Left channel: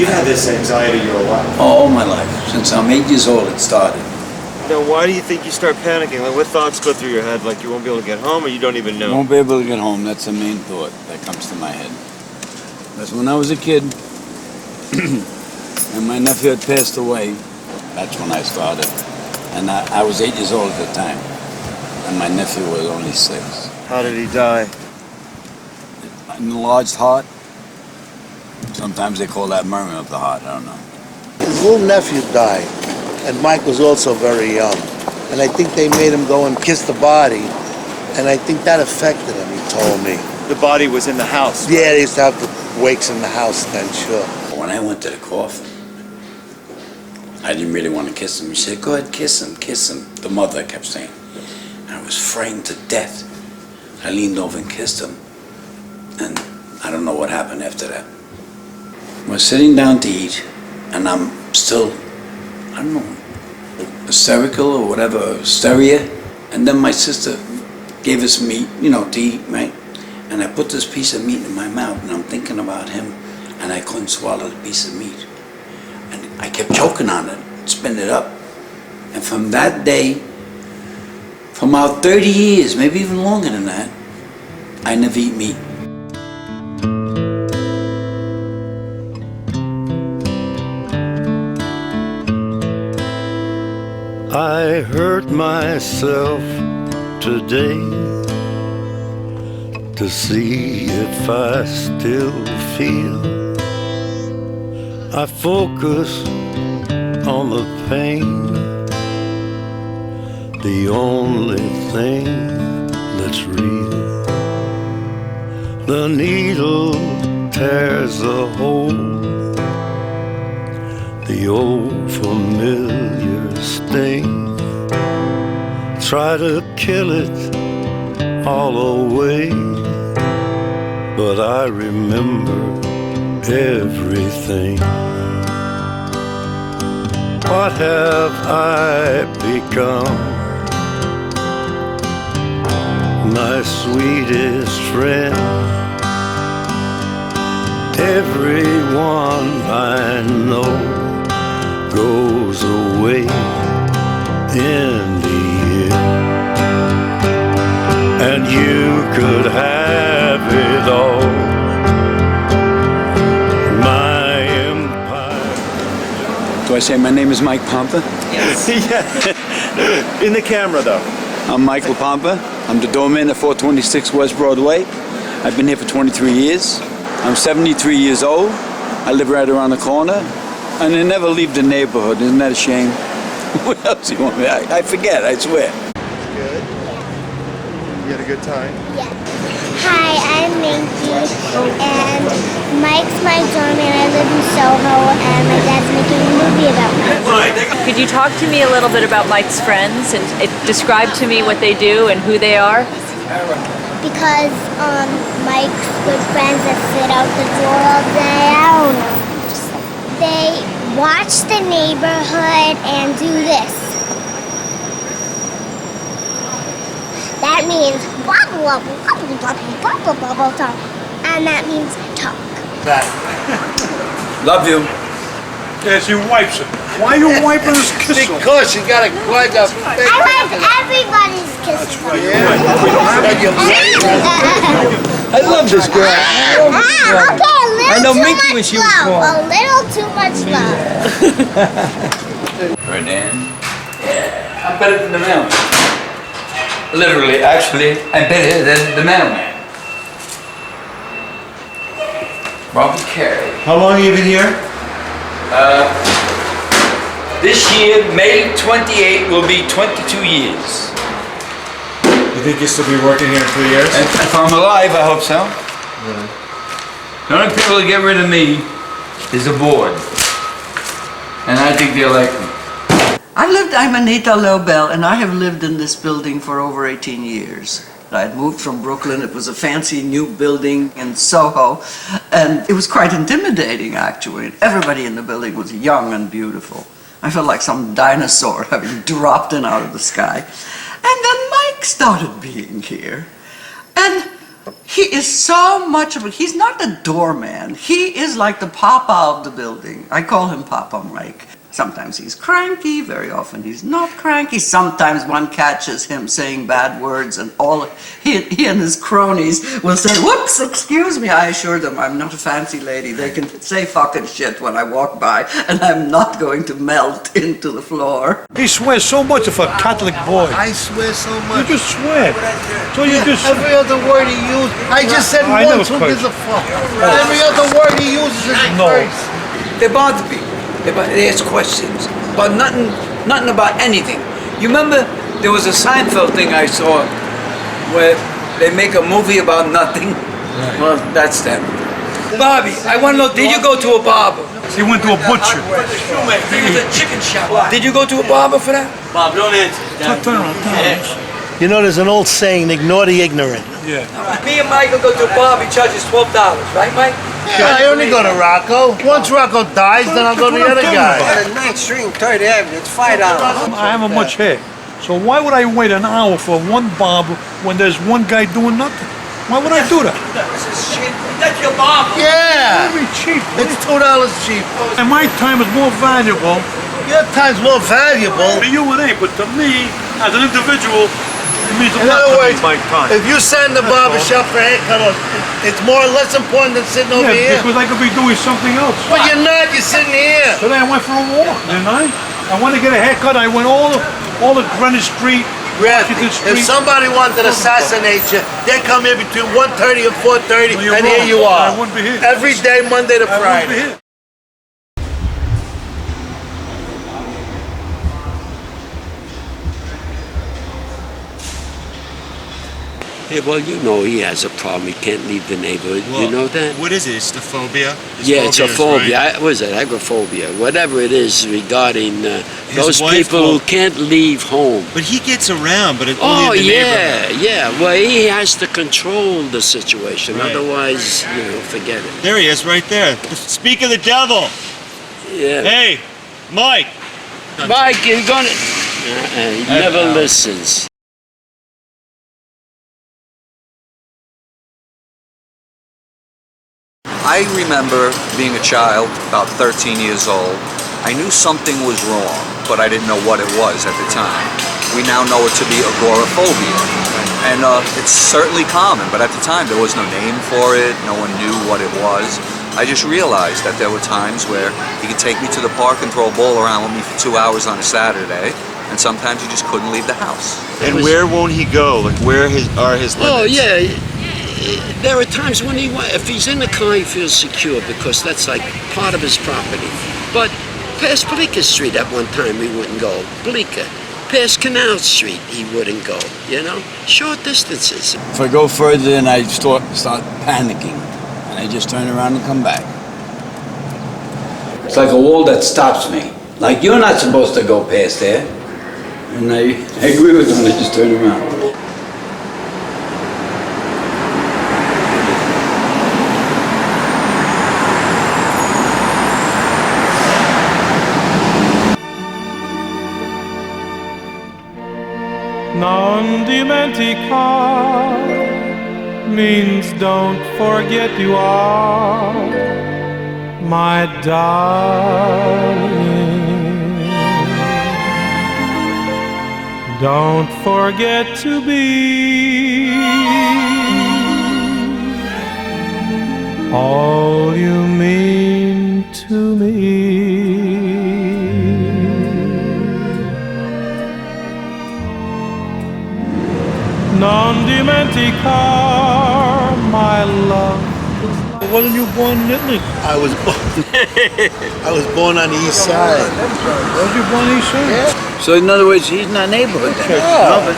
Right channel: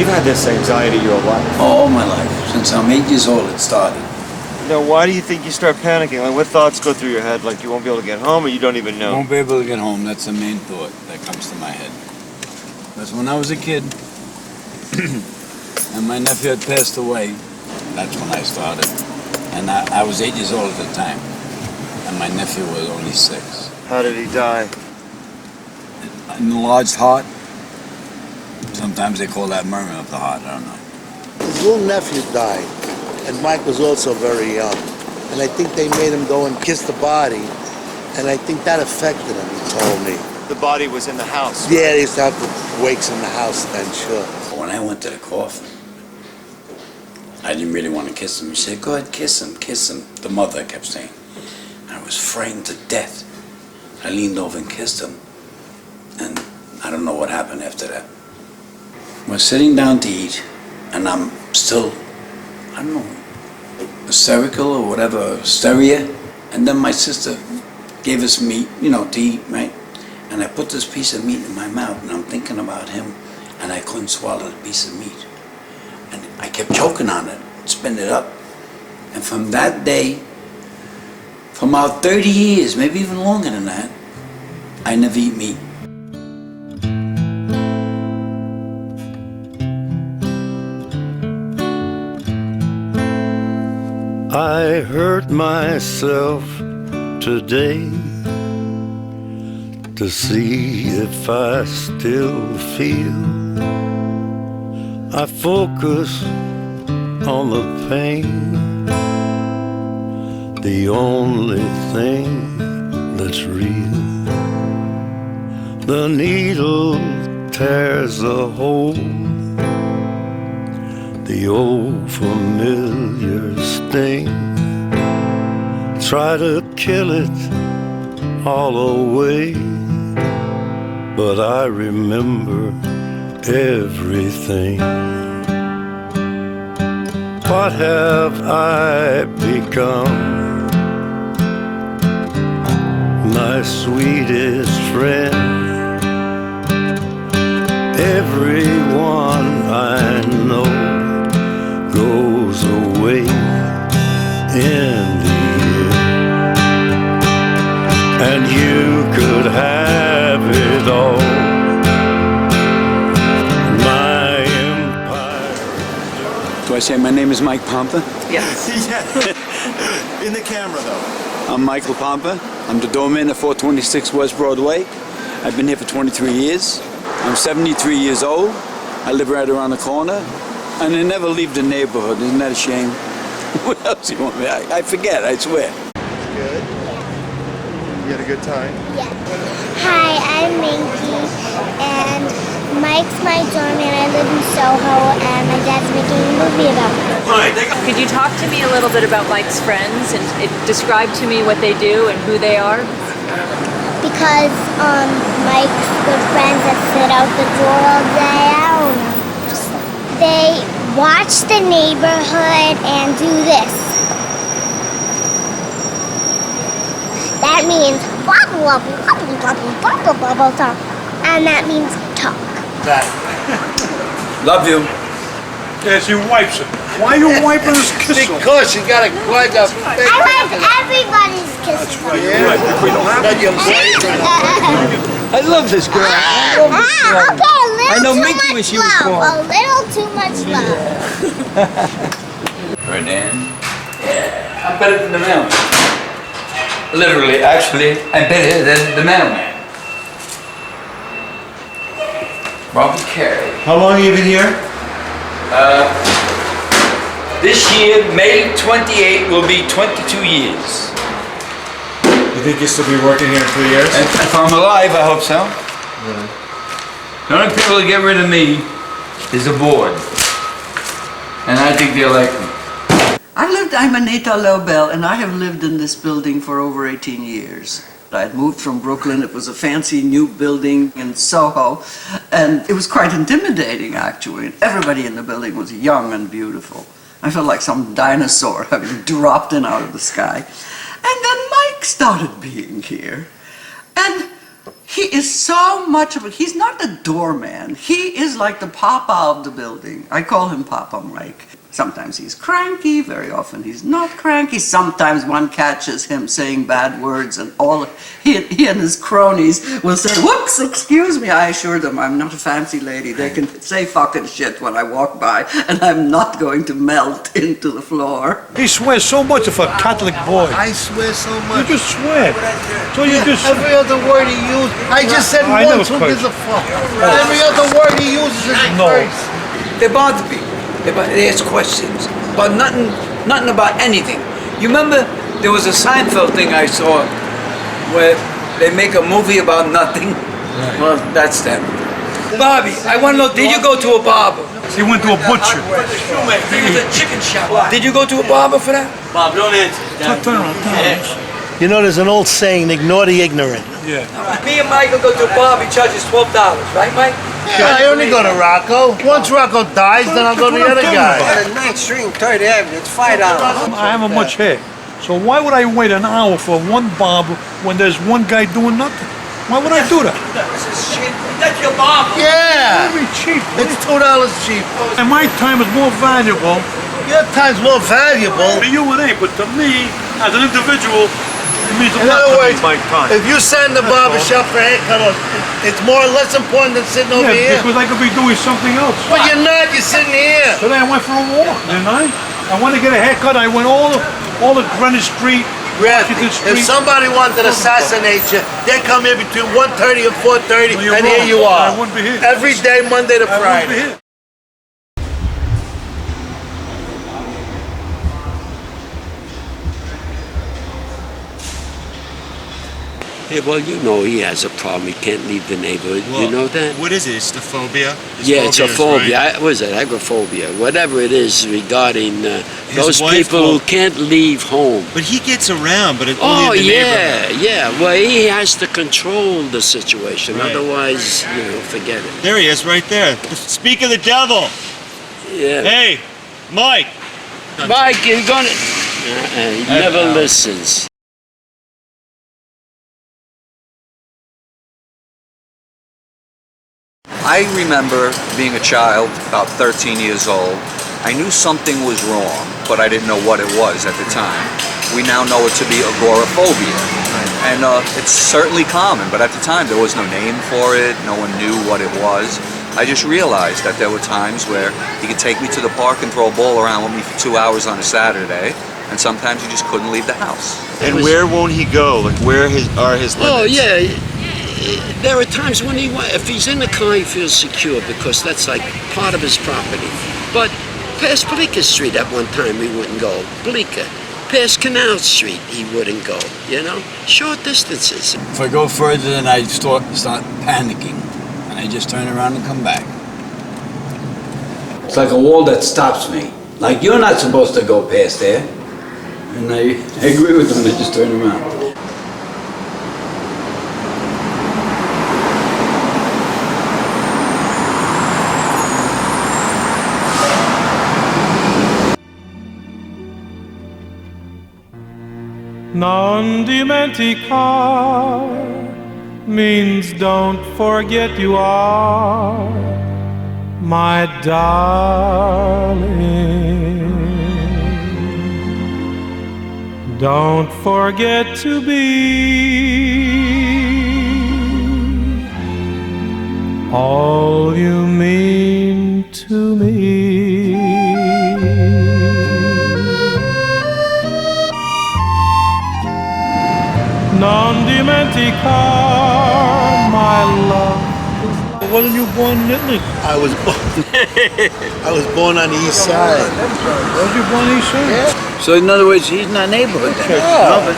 You've had this anxiety your whole life. All my life. Since I'm 8 years old, it started. Now, why do you think you start panicking? Like, what thoughts go through your head? Like, you won't be able to get home, or you don't even know? Won't be able to get home. That's the main thought that comes to my head. Because when I was a kid, and my nephew had passed away, that's when I started. And I was 8 years old at the time. And my nephew was only 6. How did he die? An enlarged heart. Sometimes they call that murmur of the heart. I don't know. His little nephew died, and Mike was also very young. And I think they made him go and kiss the body, and I think that affected him, he told me. The body was in the house. Yeah, they used to have the wakes in the house then, sure. When I went to the coffin, I didn't really want to kiss him. He said, go ahead, kiss him, kiss him. The mother kept saying. I was frightened to death. I leaned over and kissed him, and I don't know what happened after that. We're sitting down to eat, and I'm still, I don't know, hysterical or whatever, hysteria. And then my sister gave us meat, to eat, right? And I put this piece of meat in my mouth, and I'm thinking about him, and I couldn't swallow the piece of meat. And I kept choking on it, spitting it up. And from that day, for about 30 years, maybe even longer than that, I never eat meat. I hurt myself today to see if I still feel. I focus on the pain, the only thing that's real. The needle tears a hole, the old familiar sting. Try to kill it all away, but I remember everything. What have I become? My sweetest friend. Everyone I know goes away in the end, and you could have it all, my empire. Do I say my name is Mike Pompa? Yes. Yeah. In the camera, though. I'm Michael Pompa. I'm the doorman at 426 West Broadway. I've been here for 23 years. I'm 73 years old. I live right around the corner. And I never leave the neighborhood. Isn't that a shame? What else do you want me? I forget, I swear. Good. You had a good time? Yeah. Hi, I'm Minky, and Mike's my doorman. I live in Soho, and my dad's making a movie about Mike. Can you talk to me a little bit about Mike's friends and describe to me what they do and who they are? Because Mike's good friends that sit out the door all day, I don't know. They watch the neighborhood and do this. That means wobble, wobble, wobble, wobble, wobble, wobble, talk. And that means talk. Love you. Yes, he wipes it. Why are you wiping his kiss? Because you gotta wipe up. I like everybody's kisses. We don't have any. I love this girl. I know Minky when she was born. A little too much love. Ferdinand? Yeah, I'm better than the mailman. Literally, actually, I'm better than the mailman. Robert Carey. How long have you been here? This year, May 28 will be 22 years. You think you'll still be working here in 3 years? And if I'm alive, I hope so. Really? The only people to get rid of me is the board. And I think they'll like me. I'm Anita Lobel, and I have lived in this building for over 18 years. I had moved from Brooklyn. It was a fancy new building in Soho, and it was quite intimidating, actually. Everybody in the building was young and beautiful. I felt like some dinosaur having dropped in out of the sky. And then Mike started being here. And He is so much of a, he's not the doorman. He is like the papa of the building. I call him Papa Mike. Sometimes he's cranky, very often he's not cranky. Sometimes one catches him saying bad words and all, he and his cronies will say, whoops, excuse me. I assure them I'm not a fancy lady. They can say fucking shit when I walk by and I'm not going to melt into the floor. He swears so much of a Catholic boy. I swear so You much. just swear. So you just... Every other word he used, I just said I once, never who gives a cursed. fuck? Every other word he uses is a No. curse. They bother me. They ask questions about nothing about anything. You remember there was a Seinfeld thing I saw where they make a movie about nothing? Right. Well, that's them. Bobby, I want to know, did you go to a barber? He went to a butcher. He was a chicken shop. Did you go to a barber for that? Bob, don't answer. Turn around. You know, there's an old saying, ignore the ignorant. Yeah. Me and Michael go to a barber, he charges $12, right, Mike? I only go to Rocco. Once Rocco dies, then I'll go to the other guy. On 9th Street, 3rd Avenue, it's $5. I haven't much hair. So why would I wait an hour for one barber when there's one guy doing nothing? Why would I do that? This is shit. That's your barber. Yeah. That'd be cheap. It's $2 cheap. And my time is more valuable. Your time's more valuable. To you it ain't, but to me, as an individual, it means a In lot other to me, words, my time. if you send the barbershop for a haircut, it's more or less important than sitting over Yeah, here. because I could be doing something else. But you're not, you're sitting here. Today I went for a walk, didn't I? I wanted to get a haircut. I went all the Greenwich Street, Washington If Street. somebody wanted to assassinate you, they come here between 1:30 and 4:30, Well, you're and here wrong. you are. I wouldn't be here. Every day, Monday to I wouldn't be Friday. here. Yeah, well, you know he has a problem. He can't leave the neighborhood. Well, you know that? What is it? It's the phobia? Yeah, it's a phobias, phobia. right? What is it? Agoraphobia. Whatever it is regarding those wife people who won't- can't leave home. But he gets around, but it's Oh, only in the yeah, neighborhood. yeah. Well, he has to control the situation. Right. Otherwise, forget it. There he is, right there. Speak of the devil. Yeah. Hey, Mike. Mike, you're gonna... he never listens. I remember being a child, about 13 years old. I knew something was wrong, but I didn't know what it was at the time. We now know it to be agoraphobia. And it's certainly common, but at the time there was no name for it, no one knew what it was. I just realized that there were times where he could take me to the park and throw a ball around with me for 2 hours on a Saturday, and sometimes he just couldn't leave the house. And where won't he go? Like, where are his limits? Oh, yeah. There are times when if he's in the car, he feels secure because that's like part of his property. But past Bleecker Street at one time, he wouldn't go. Bleecker. Past Canal Street, he wouldn't go, Short distances. If I go further, then I start panicking, and I just turn around and come back. It's like a wall that stops me. Like, you're not supposed to go past there. And I agree with them, I just turn around. Non dimentica means don't forget you are my darling. Don't forget to be all you mean to me. Non dimentica, my love. Wasn't you born in Italy? I was born on the east side. Was you born in East Side? Yeah. So in other words, he's not neighborhood then? No, but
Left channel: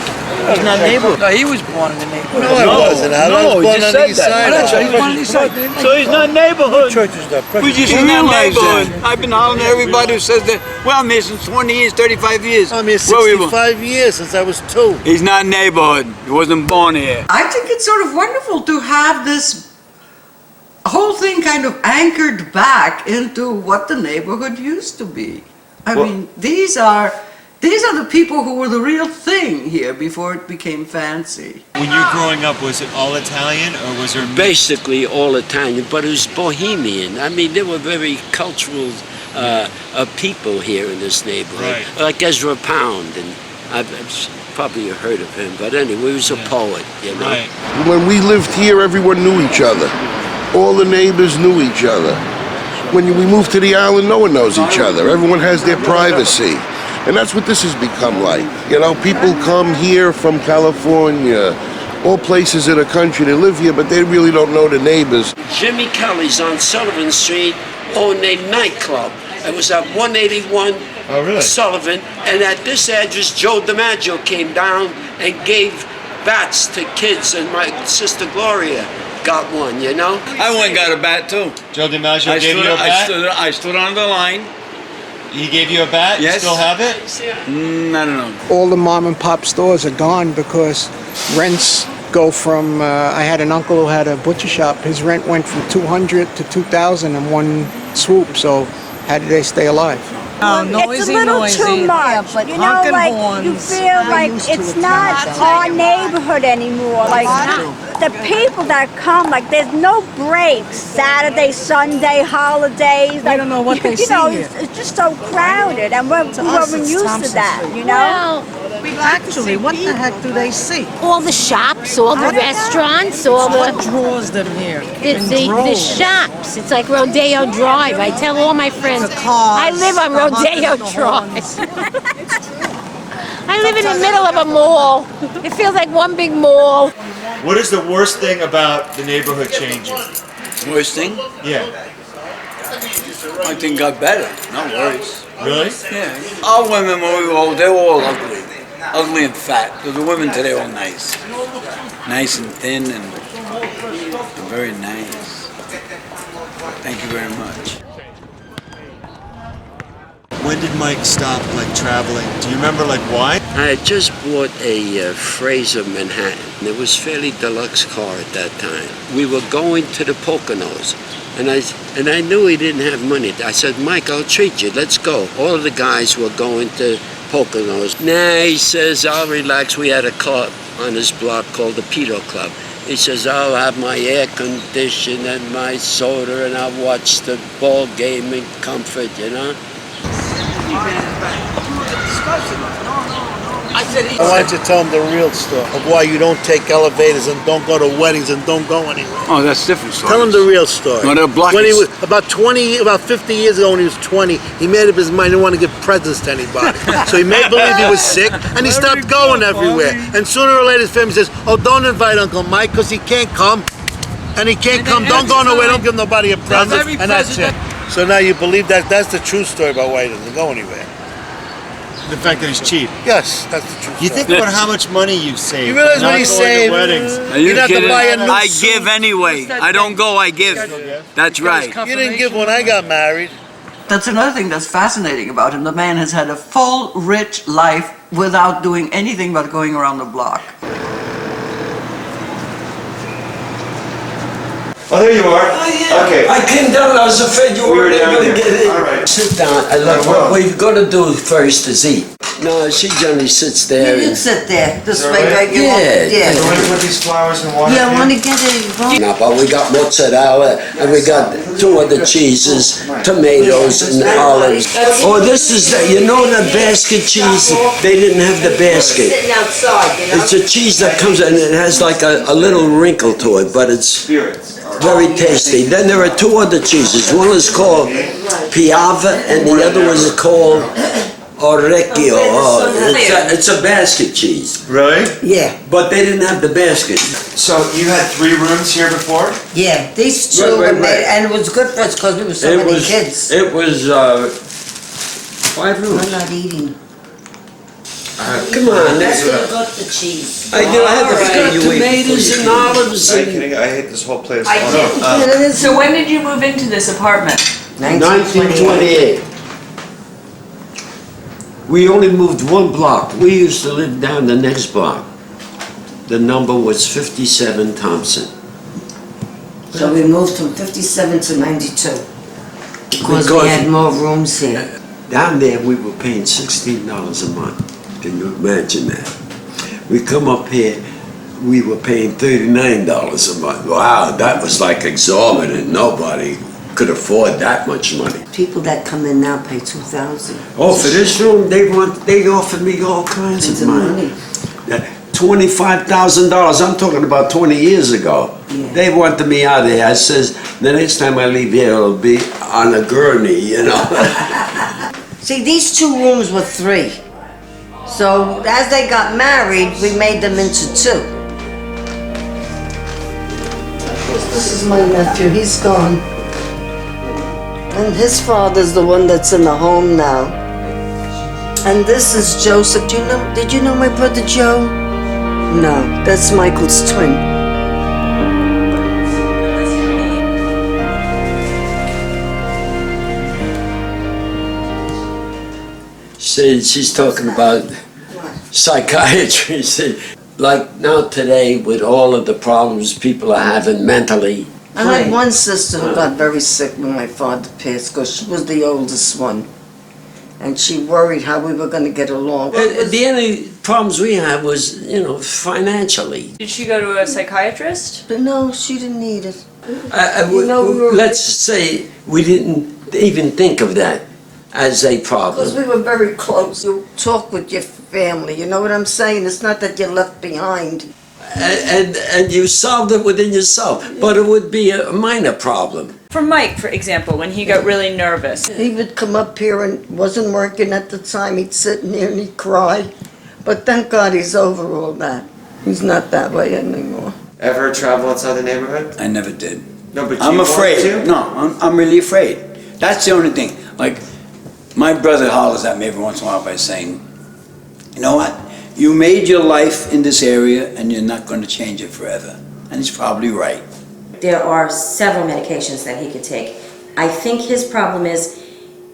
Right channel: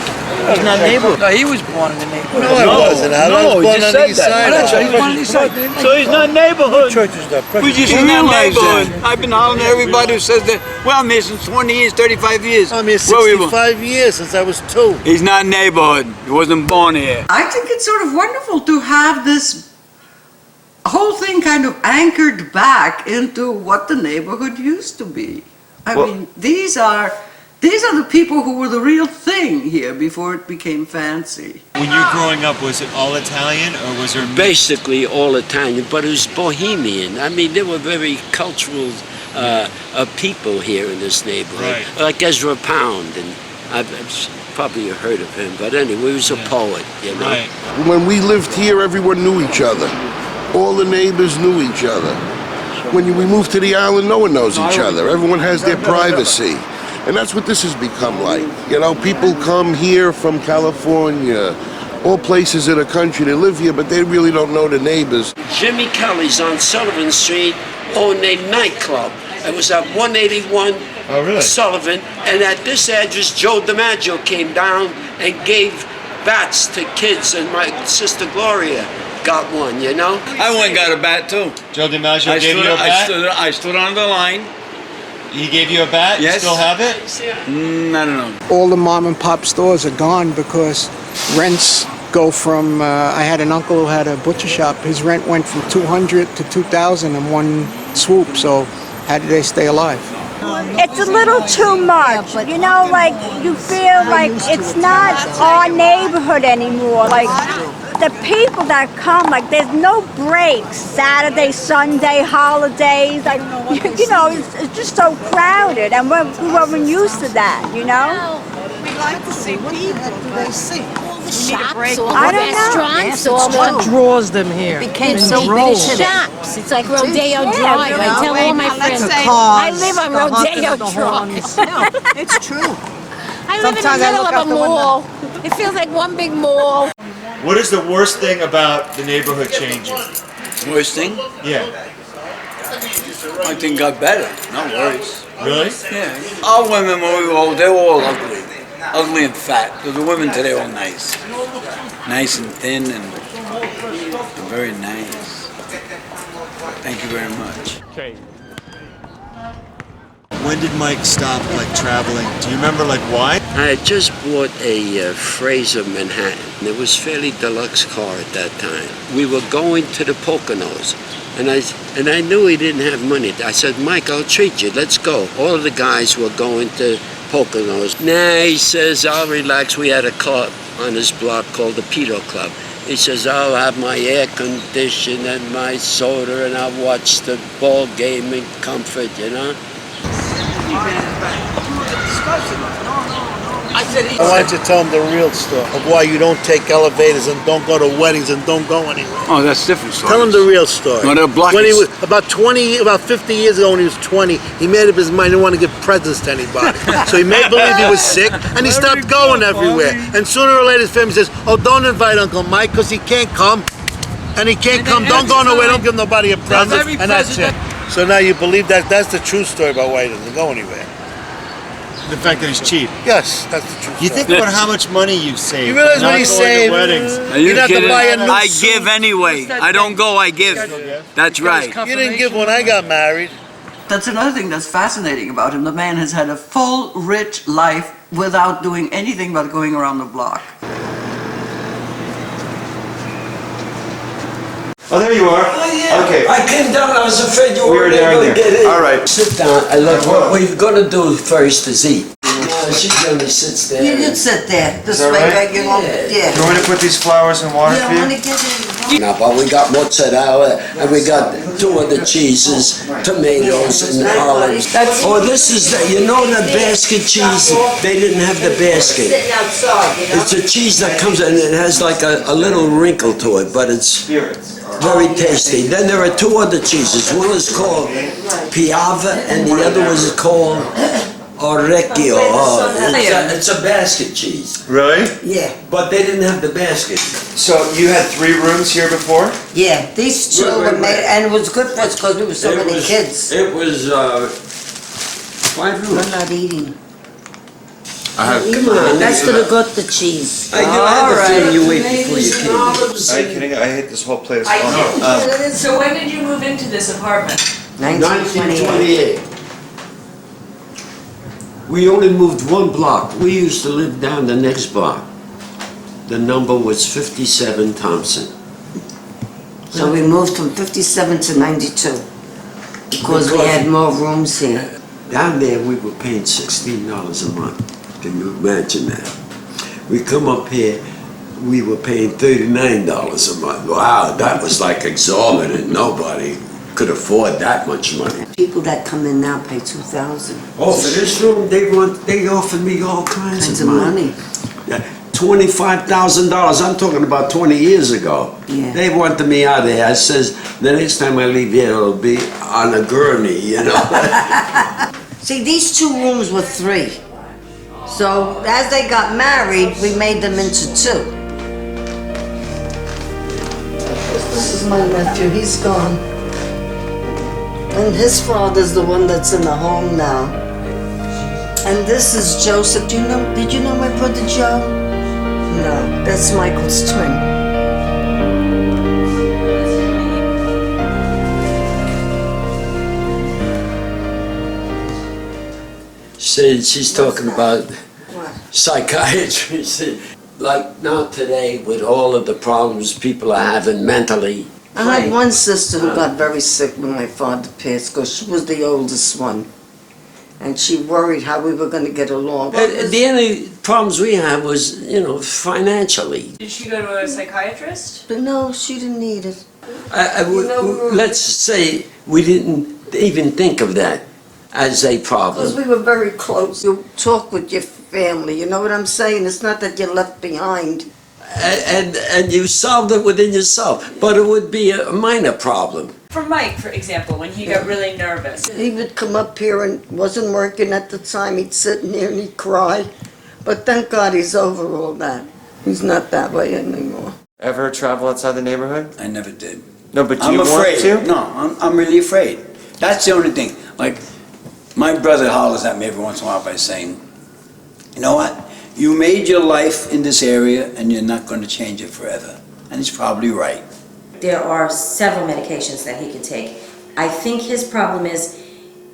he's not neighborhood. No, he was born in the neighborhood. No, I wasn't. I was he born just on the said east that. side. Oh, that's right, he was born in the east side. So he's not neighborhood. Church is that? We just He's in that not neighborhood. neighborhood. I've been hollering at everybody who says that. Well, I'm here since 20 years, 35 years. I'm here Where were you born? 65 years since I was 2. He's not neighborhood. He wasn't born here. I think it's sort of wonderful to have this whole thing kind of anchored back into what the neighborhood used to be. I mean, these are These are the people who were the real thing here before it became fancy. When you were growing up, was it all Italian or was there... Basically all Italian, but it was Bohemian. I mean, they were very cultural people here in this neighborhood. Right. Like Ezra Pound, and I've probably heard of him, but anyway, he was a poet, you know. Right. When we lived here, everyone knew each other. All the neighbors knew each other. When we moved to the island, no one knows each other. Everyone has their privacy. And that's what this has become like. You know, people come here from California, all places in the country, they live here, but they really don't know the neighbors. Jimmy Kelly's on Sullivan Street owned a nightclub. It was at 181 Sullivan, and at this address, Joe DiMaggio came down and gave bats to kids, and my sister Gloria got one, you know? I went and got a bat too. Joe DiMaggio gave you a bat? I stood on the line. He gave you a bat? Yes. You still have it? I don't know. All the mom and pop stores are gone because rents go from, I had an uncle who had a butcher shop. His rent went from $200 to $2,000 in one swoop, so how did they stay alive? It's a little too much, you know, like you feel like it's not our neighborhood anymore. Like the people that come, like there's no breaks, Saturday, Sunday, holidays. Like, I don't know what they it's just so crowded, and we're used to that, you know. We'd like to see what the heck do they see? All the shops, all the restaurants, all the... What draws them here? It's the shops. It's like Rodeo Drive. I tell all my friends, I live on Rodeo Drive. It's true. I live in the middle of a mall. It feels like one big mall. What is the worst thing about the neighborhood changing? Worst thing? Yeah. I think got better, not worse. Really? Yeah. Our women, when we were old, they were all ugly. Ugly and fat. The women today are all nice. Nice and thin and very nice. Thank you very much. When did Mike stop, like, traveling? Do you remember, like, why? I had just bought a Fraser Manhattan. It was a fairly deluxe car at that time. We were going to the Poconos, and I knew he didn't have money. I said, Mike, I'll treat you. Let's go. All of the guys were going to Poconos. Nah, he says, I'll relax. We had a club on this block called the Pedo Club. He says, I'll have my air conditioned and my soda, and I'll watch the ball game in comfort, you know? I wanted to tell them the real story of why you don't take elevators and don't go to weddings and don't go anywhere. Oh, that's different story. Tell them the real story. No, they're blocking. When he was about 50 years ago, when he was 20, he made up his mind he didn't want to give presents to anybody. So he made believe he was sick, and he stopped going everywhere. And sooner or later, his family says, "Oh, don't invite Uncle Mike because he can't come, and he can't come. Don't go nowhere. Don't give nobody a present." And that's it. So now you believe that that's the true story about why he doesn't go anywhere. The fact that he's cheap. Yes, that's the truth. You think about how much money you save. You realize what not he's going to saving? weddings. Are you kidding? I give anyway. I don't go, I give. That's right. You didn't give when I got married. That's another thing that's fascinating about him. The man has had a full, rich life without doing anything but going around the block. Oh, there you are. Oh, yeah. Okay. I came down. I was afraid you weren't able to get in. All right. Sit down. I look. What we've got to do first is eat. No, she generally sits there. You sit there. This way, right? right? You want, Yeah. You want me to put these flowers in water Yeah, for I you? want to get it. No, but we got mozzarella and we got 2 of the cheeses, tomatoes and olives. Oh, this is the, you know the basket cheese? They didn't have the basket. Sitting outside, you know. It's a cheese that comes and it has like a little wrinkle to it, but it's very tasty. Then there are 2 other cheeses. One is called Piava and the other one is called Orecchio. Oh, it's a basket cheese. Really? Yeah. But they didn't have the basket. So you had 3 rooms here before? Yeah, these two Right, were made, and it was good for us because we were so many kids. It was 5 rooms. I'm not eating. Come on, That's gonna got the cheese. I had the feeling you ate before you came. Are you kidding? I hate this whole place. So when did you move into this apartment? 1928. We only moved 1 block. We used to live down the next block. The number was 57 Thompson. So we moved from 57 to 92 because we had more rooms here. Down there, we were paying $16 a month. Can you imagine that? We come up here, we were paying $39 a month. Wow, that was like exorbitant. Nobody could afford that much money. People that come in now pay $2,000. Oh, for this room, they offered me all kinds of money. $25,000. I'm talking about 20 years ago. Yeah. They wanted me out of here. I says, the next time I leave here, it'll be on a gurney, you know. See, these 2 rooms were 3. So as they got married, we made them into 2. This is my nephew. He's gone. And his father's the one that's in the home now. And this is Joseph. Did you know my brother Joe? No, that's Michael's twin. She's talking about psychiatry. Like now today, with all of the problems people are having mentally. I had one sister who got very sick when my father passed because she was the oldest one. And she worried how we were going to get along. The only problems we had was, financially. Did she go to a psychiatrist? But no, she didn't need it. Let's say we didn't even think of that as a problem. Because we were very close. You talk with your family, you know what I'm saying? It's not that you're left behind. And you solved it within yourself, but it would be a minor problem. For Mike, for example, when he got really nervous. He would come up here and wasn't working at the time. He'd sit in here and he'd cry. But thank God he's over all that. He's not that way anymore. Ever travel outside the neighborhood? I never did. No, but I'm afraid. No, I'm really afraid. That's the only thing. Like, my brother hollers at me every once in a while by saying, you know what? You made your life in this area and you're not going to change it forever. And he's probably right. There are several medications that he could take. I think his problem is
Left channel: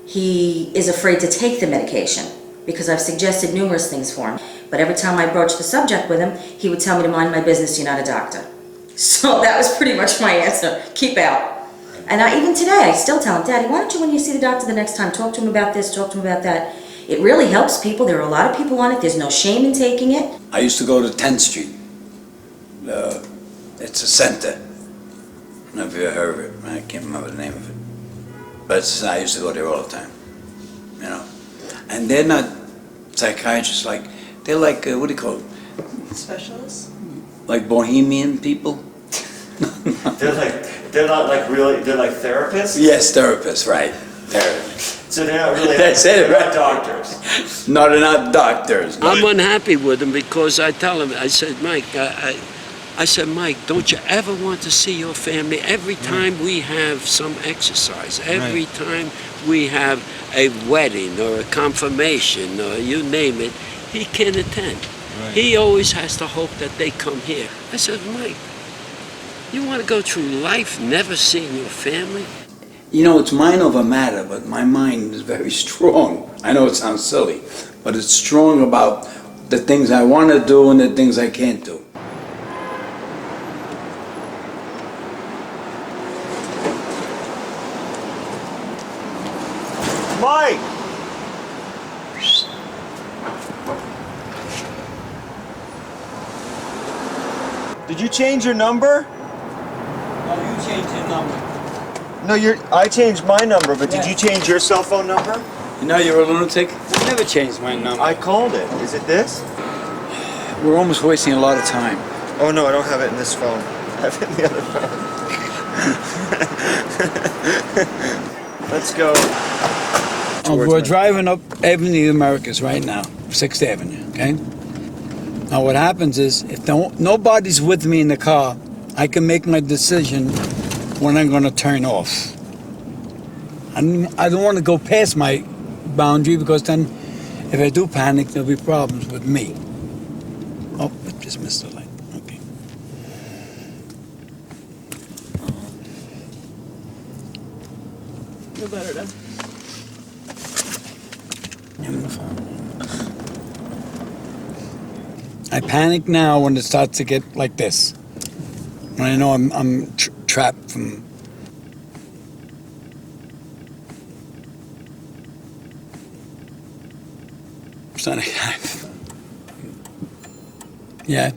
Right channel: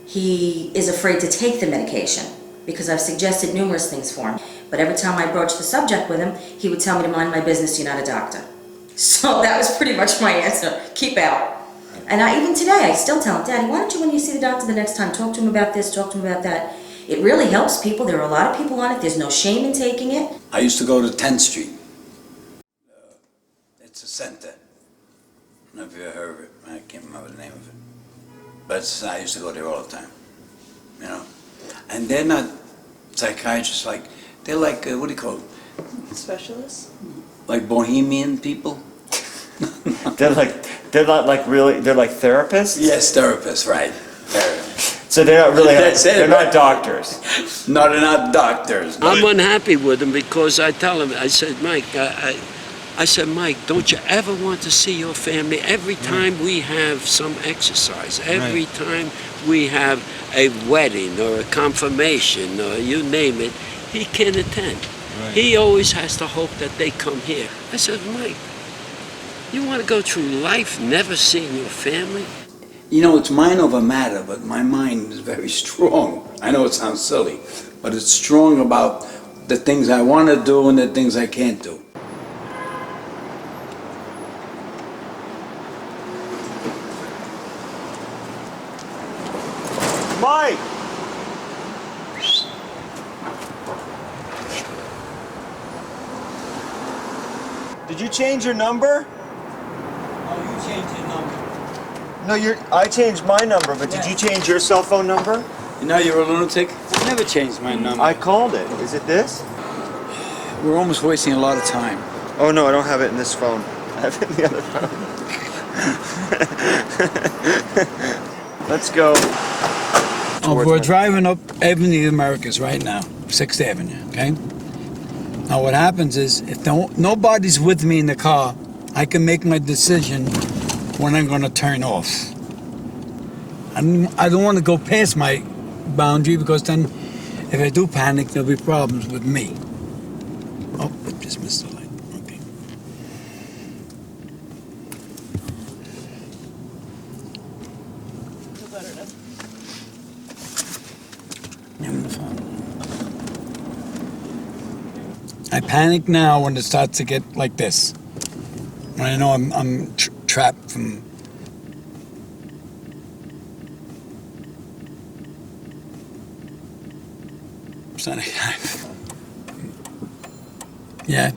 he is afraid to take the medication because I've suggested numerous things for him. But every time I broach the subject with him, he would tell me to mind my business, you're not a doctor. So that was pretty much my answer. Keep out. And even today, I still tell him, Daddy, why don't you, when you see the doctor the next time, talk to him about this, talk to him about that. It really helps people. There are a lot of people on it. There's no shame in taking it. I used to go to 10th Street. It's a center. I don't know if you ever heard of it. I can't remember the name of it. But I used to go there all the time. And they're not psychiatrists they're like, what do you call it? Specialists? Like bohemian people? They're like therapists? Yes, therapists, right. Therapists. So they're not really they're not doctors. No, they're not doctors. I'm unhappy with him because I tell him, I said, Mike, I said, Mike, don't you ever want to see your family? Every time we have some exercise, every time we have a wedding or a confirmation or you name it, he can attend. Right. He always has to hope that they come here. I said, Mike, you want to go through life never seeing your family? It's mind over matter, but my mind is very strong. I know it sounds silly, but it's strong about the things I want to do and the things I can't do. Mike! Did you change your number? No, you changed your number. No, I changed my number, but did you change your cell phone number? You're a lunatic? I never changed my number. I called it. Is it this? We're almost wasting a lot of time. Oh no, I don't have it in this phone. I have it in the other phone. Let's go. We're driving up Avenue of the Americas right now, 6th Avenue, okay? Now what happens is, if nobody's with me in the car, I can make my decision when I'm going to turn off. I don't want to go past my boundary because then if I do panic, there'll be problems with me. Oh, I just missed the light. Okay. Feel better, Dad? I'm the phone. I panic now when it starts to get like this. When I know I'm trapped from. trying to. Yeah.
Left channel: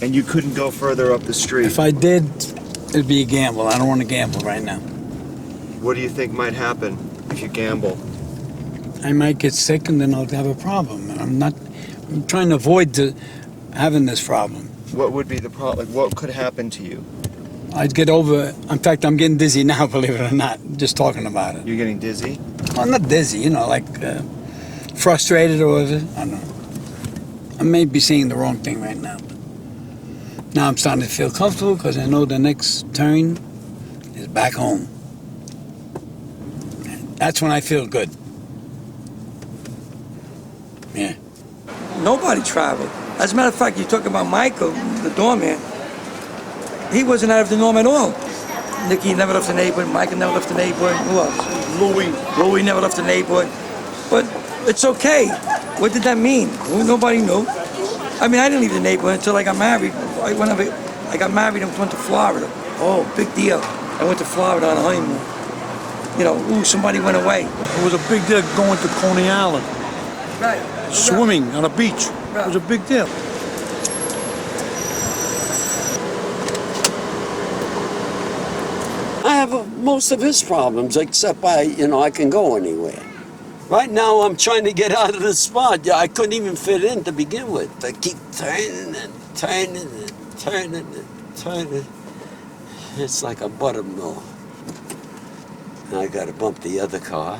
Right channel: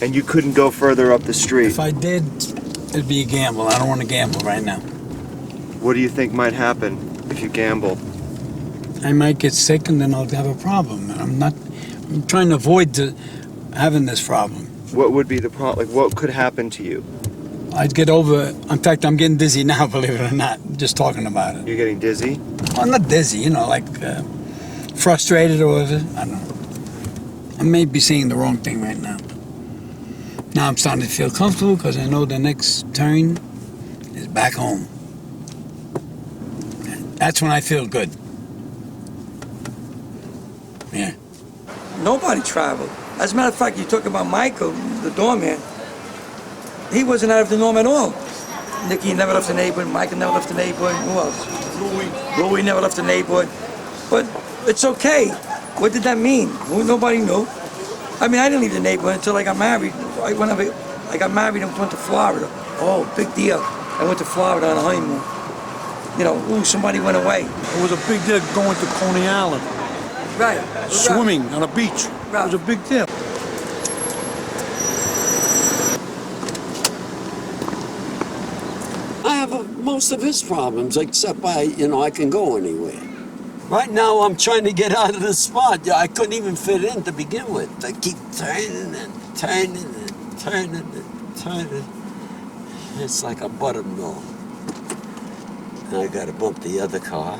And you couldn't go further up the street. If I did, it'd be a gamble. I don't want to gamble right now. What do you think might happen if you gamble? I might get sick and then I'll have a problem. And I'm trying to avoid having this problem. What would be the problem? Like, what could happen to you? I'd get over. In fact, I'm getting dizzy now, believe it or not, just talking about it. You're getting dizzy? Well, not dizzy, you know, like frustrated or whatever. I don't know. I may be seeing the wrong thing right now. Now I'm starting to feel comfortable because I know the next turn is back home. That's when I feel good. Yeah. Nobody traveled. As a matter of fact, you talk about Michael, the doorman. He wasn't out of the norm at all. Nicky never left the neighborhood. Michael never left the neighborhood. Who else? Louie never left the neighborhood. But it's okay. What did that mean? Well, nobody knew. I mean, I didn't leave the neighborhood until I got married. I got married and went to Florida. Oh, big deal. I went to Florida on a honeymoon. You know, ooh, somebody went away. It was a big deal going to Coney Island. Right. Swimming on a beach. Right. It was a big deal. I have most of his problems, except I can go anywhere. Right now, I'm trying to get out of the spot. I couldn't even fit in to begin with. I keep turning and turning and turning and turning. It's like a buttermilk. And I got to bump the other car.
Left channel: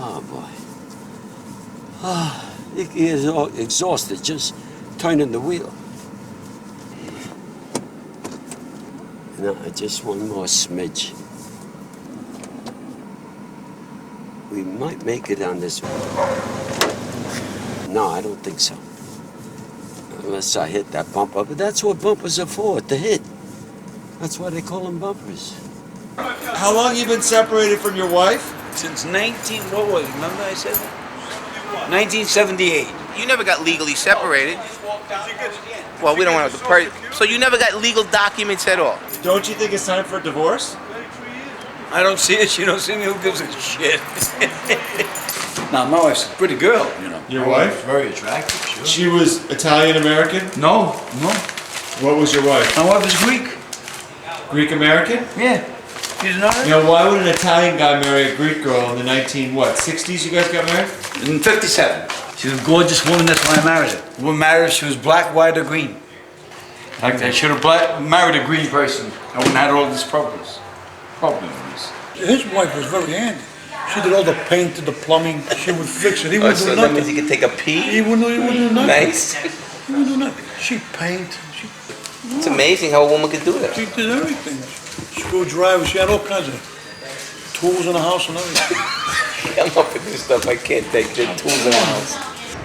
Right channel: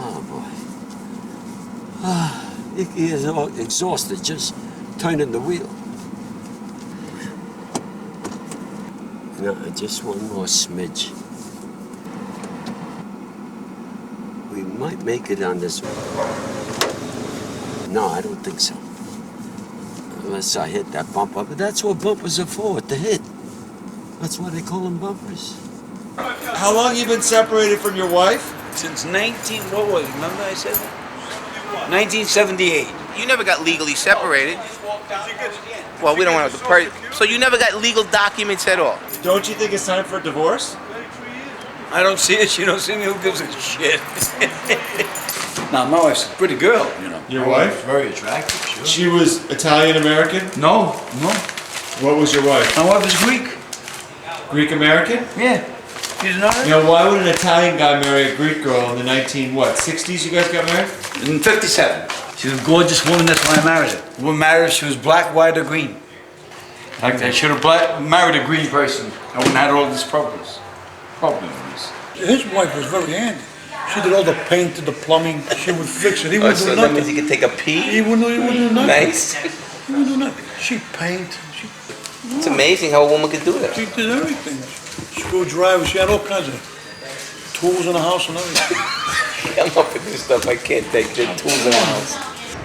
Oh, boy. He is all exhausted just turning the wheel. No, just one more smidge. We might make it on this one. No, I don't think so. Unless I hit that bumper. But that's what bumpers are for, to hit. That's why they call them bumpers. How long you been separated from your wife? Since what was it? Remember I said that? 1978. You never got legally separated. Well, we don't want to party. So you never got legal documents at all? Don't you think it's time for a divorce? I don't see it. She don't see me. Who gives a shit? Now, my wife's a pretty girl, you know. Your wife? Very attractive, sure. She was Italian-American? No. What was your wife? My wife is Greek. Greek-American? Yeah. She's not. You know, why would an Italian guy marry a Greek girl in the 60s you guys got married? In 57. She was a gorgeous woman, that's why I married her. When we married her, she was black, white, or green. Like I should have married a green person. I wouldn't have had all these problems. His wife was very handy. She did all the painting, the plumbing. She would fix it. He wouldn't do that nothing. means you could take a pee? He wouldn't do nothing. Nice. He wouldn't do nothing. She'd paint. It's amazing how a woman could do that. She did everything. Screwdrivers. She had all kinds of tools in the house and everything. I'm up with this stuff. I can't take the tools in the house.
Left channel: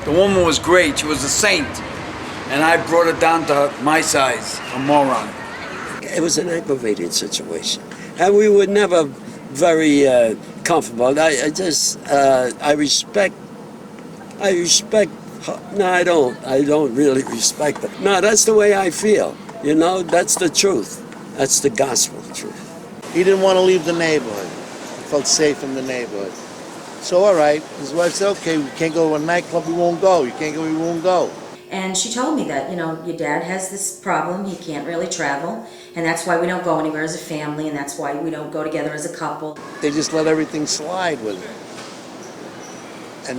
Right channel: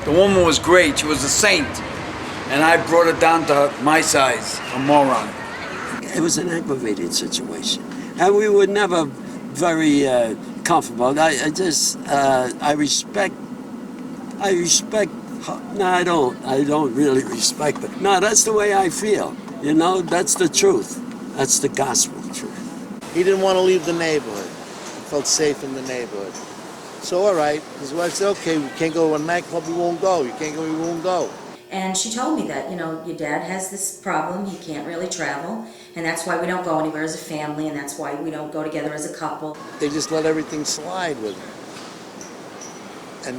The woman was great. She was a saint. And I brought her down to my size, a moron. It was an aggravating situation. And we were never very comfortable. I respect her. No, I don't really respect her. No, that's the way I feel. You know, that's the truth. That's the gospel truth. He didn't want to leave the neighborhood. He felt safe in the neighborhood. So, all right, his wife said, okay, we can't go to a nightclub, we won't go. You can't go, we won't go. And she told me that, your dad has this problem, he can't really travel, and that's why we don't go anywhere as a family, and that's why we don't go together as a couple. They just let everything slide with him.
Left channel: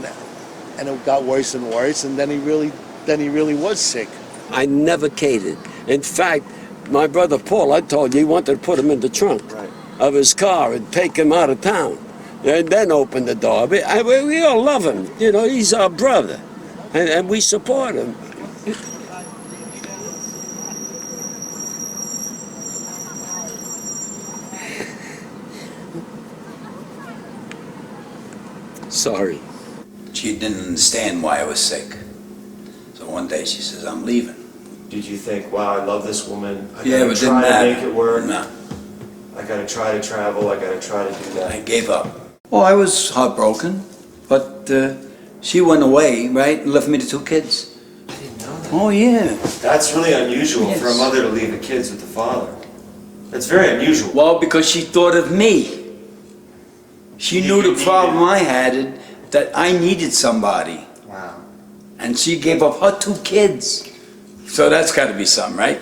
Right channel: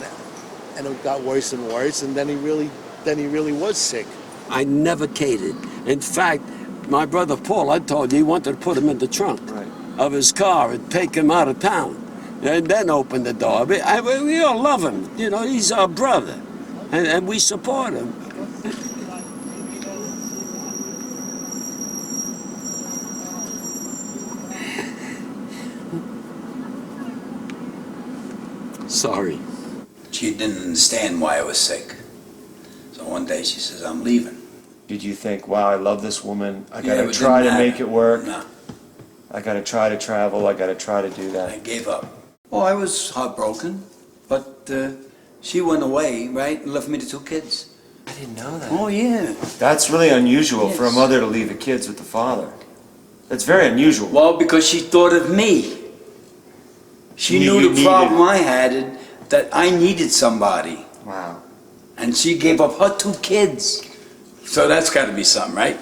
And it got worse and worse, and then he really was sick. I never catered. In fact, my brother Paul, I told you, he wanted to put him in the trunk of his car and take him out of town. And then open the door. We all love him. He's our brother. And we support him. Sorry. She didn't understand why I was sick. So one day she says, I'm leaving. Did you think, wow, I love this woman. I Yeah, gotta but try to didn't make it work. No. I gotta try to travel. I gotta try to do that. I gave up. Well, I was heartbroken, but she went away, right, and left me the 2 kids. I didn't know that. Oh, yeah. That's really unusual for a Yes. mother to leave the kids with the father. That's very unusual. Well, because she thought of me. She knew the problem I had, and that I needed somebody. Wow. And she gave up her 2 kids. So that's got to be something, right?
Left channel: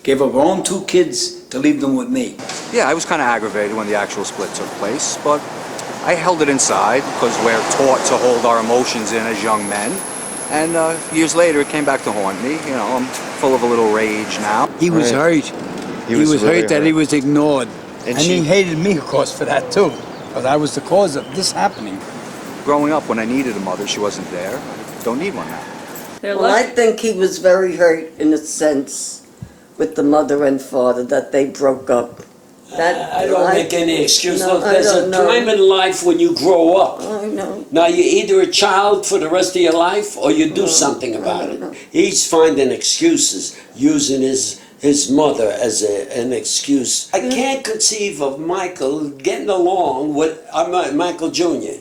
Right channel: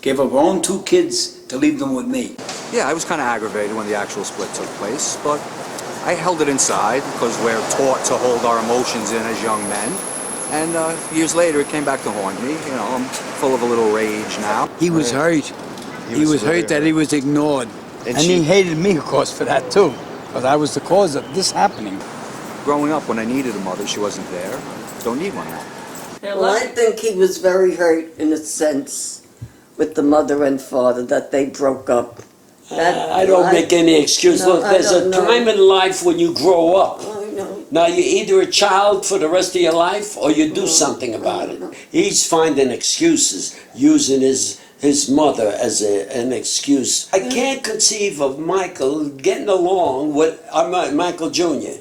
Gave up her own 2 kids to leave them with me. Yeah, I was kind of aggravated when the actual split took place, but I held it inside because we're taught to hold our emotions in as young men. And years later, it came back to haunt me. You know, I'm full of a little rage now. He was hurt. He was really hurt that he was ignored. And And he hated me, of course, for that too. Because I was the cause of this happening. Growing up, when I needed a mother, she wasn't there. Don't need one now. Well, I think he was very hurt in a sense with the mother and father that they broke up. I don't make any excuse. No, Look, there's a time in life when you grow up. I know. Now, you're either a child for the rest of your life or you do something about it. He's finding excuses, using his mother as an excuse. I can't conceive of Michael getting along with, Michael Jr.,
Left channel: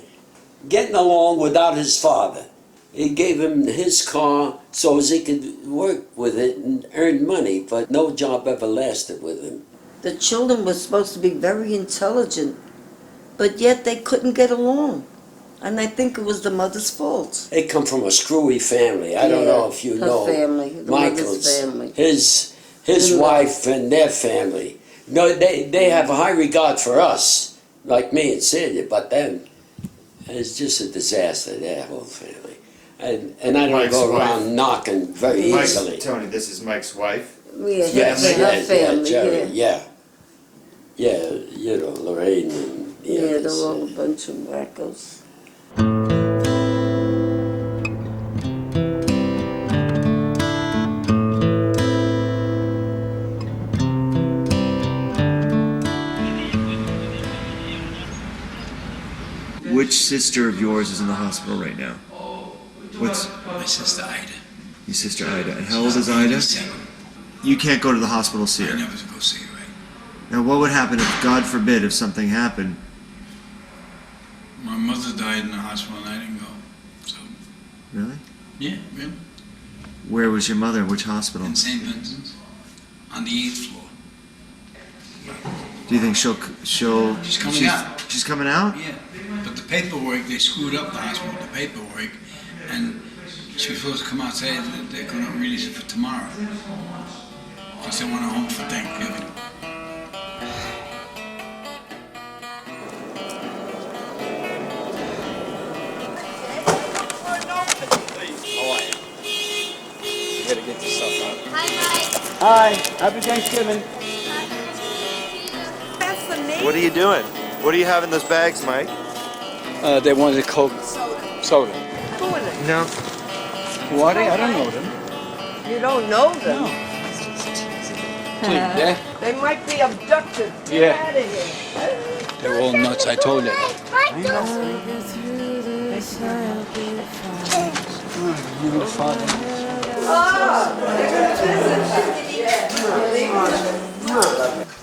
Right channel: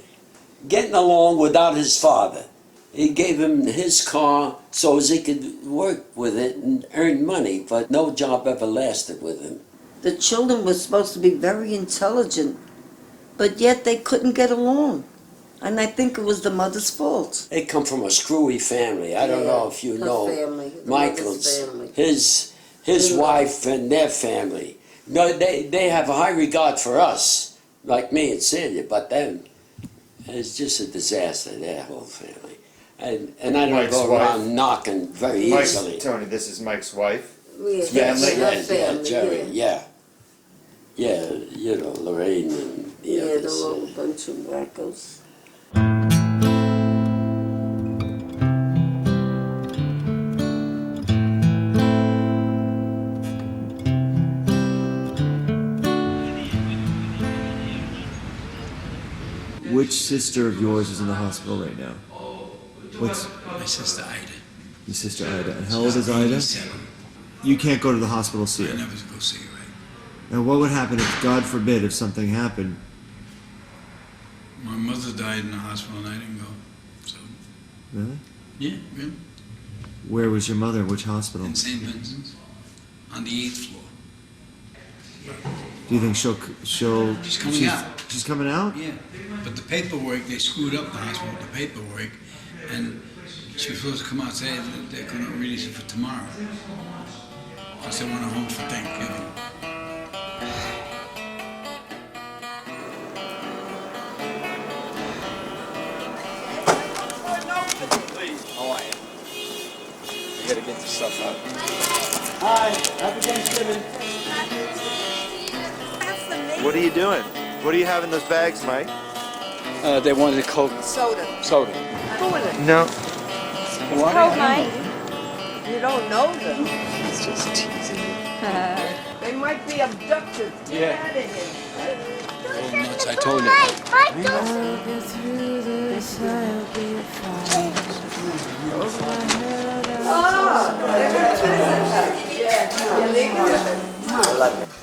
getting along without his father. He gave him his car so as he could work with it and earn money, but no job ever lasted with him. The children were supposed to be very intelligent, but yet they couldn't get along. And I think it was the mother's fault. They come from a screwy family. I don't know if you her know family, the Michael's, mother's family. his wife and their family. No, they have a high regard for us, like me and Celia, but them, it's just a disaster, their whole family. And I don't Mike's go wife. around knocking very easily. Tony, this is Mike's wife. Jerry, yeah. Yeah, you know, Lorraine and the others. They're all a bunch of wackos. Which sister of yours is in the hospital right now? What's My sister Ida. your sister Ida? And how old is Ida? 7. You can't go to the hospital to see her. I never go see her. Now, what would happen if, God forbid, if something happened? My mother died in the hospital and I didn't go. So, Really? yeah, really. Where was your mother? Which hospital? In St. Vincent's, on the 8th floor. Do you think she'll? She's coming out. She's coming out? Yeah, but the paperwork, they screwed up the hospital with the paperwork, and she was supposed to come out and say that they're going to release it for tomorrow. Because they want her home for Thanksgiving. Hi, happy Thanksgiving. What are you doing? What do you have in those bags, Mike? They wanted a Coke. Soda. No. What? I don't know them. You don't know them? It's just yeah? They might be abducted. Yeah. Get out of here. They're all nuts, I told you. I'll get through this, I'll be fine. Over my head,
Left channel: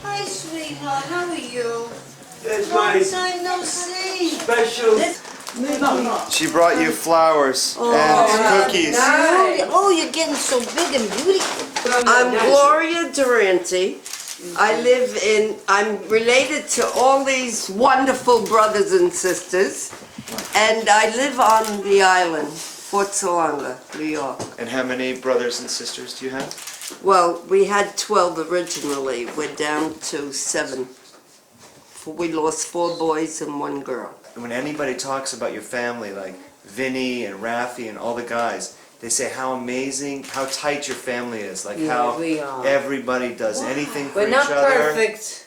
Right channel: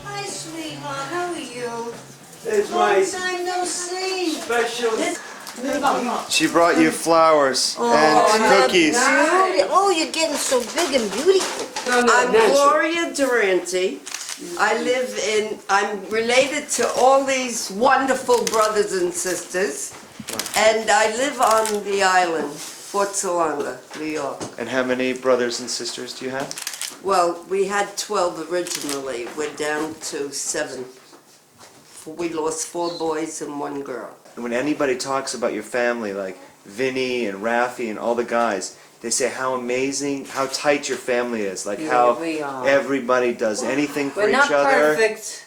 Hi, sweetheart. How are you? It's Long time no see. special. She brought you flowers. Beauty. Oh, you're getting so big and beautiful. I'm Gloria Durante. I'm related to all these wonderful brothers and sisters. And I live on the island, Fort Salonga, New York. And how many brothers and sisters do you have? Well, we had 12 originally. We're down to 7. We lost 4 boys and 1 girl. When anybody talks about your family, like Vinny and Rafi and all the guys, they say how amazing, how tight your family is, like how we are. everybody does anything for We're each not other. perfect,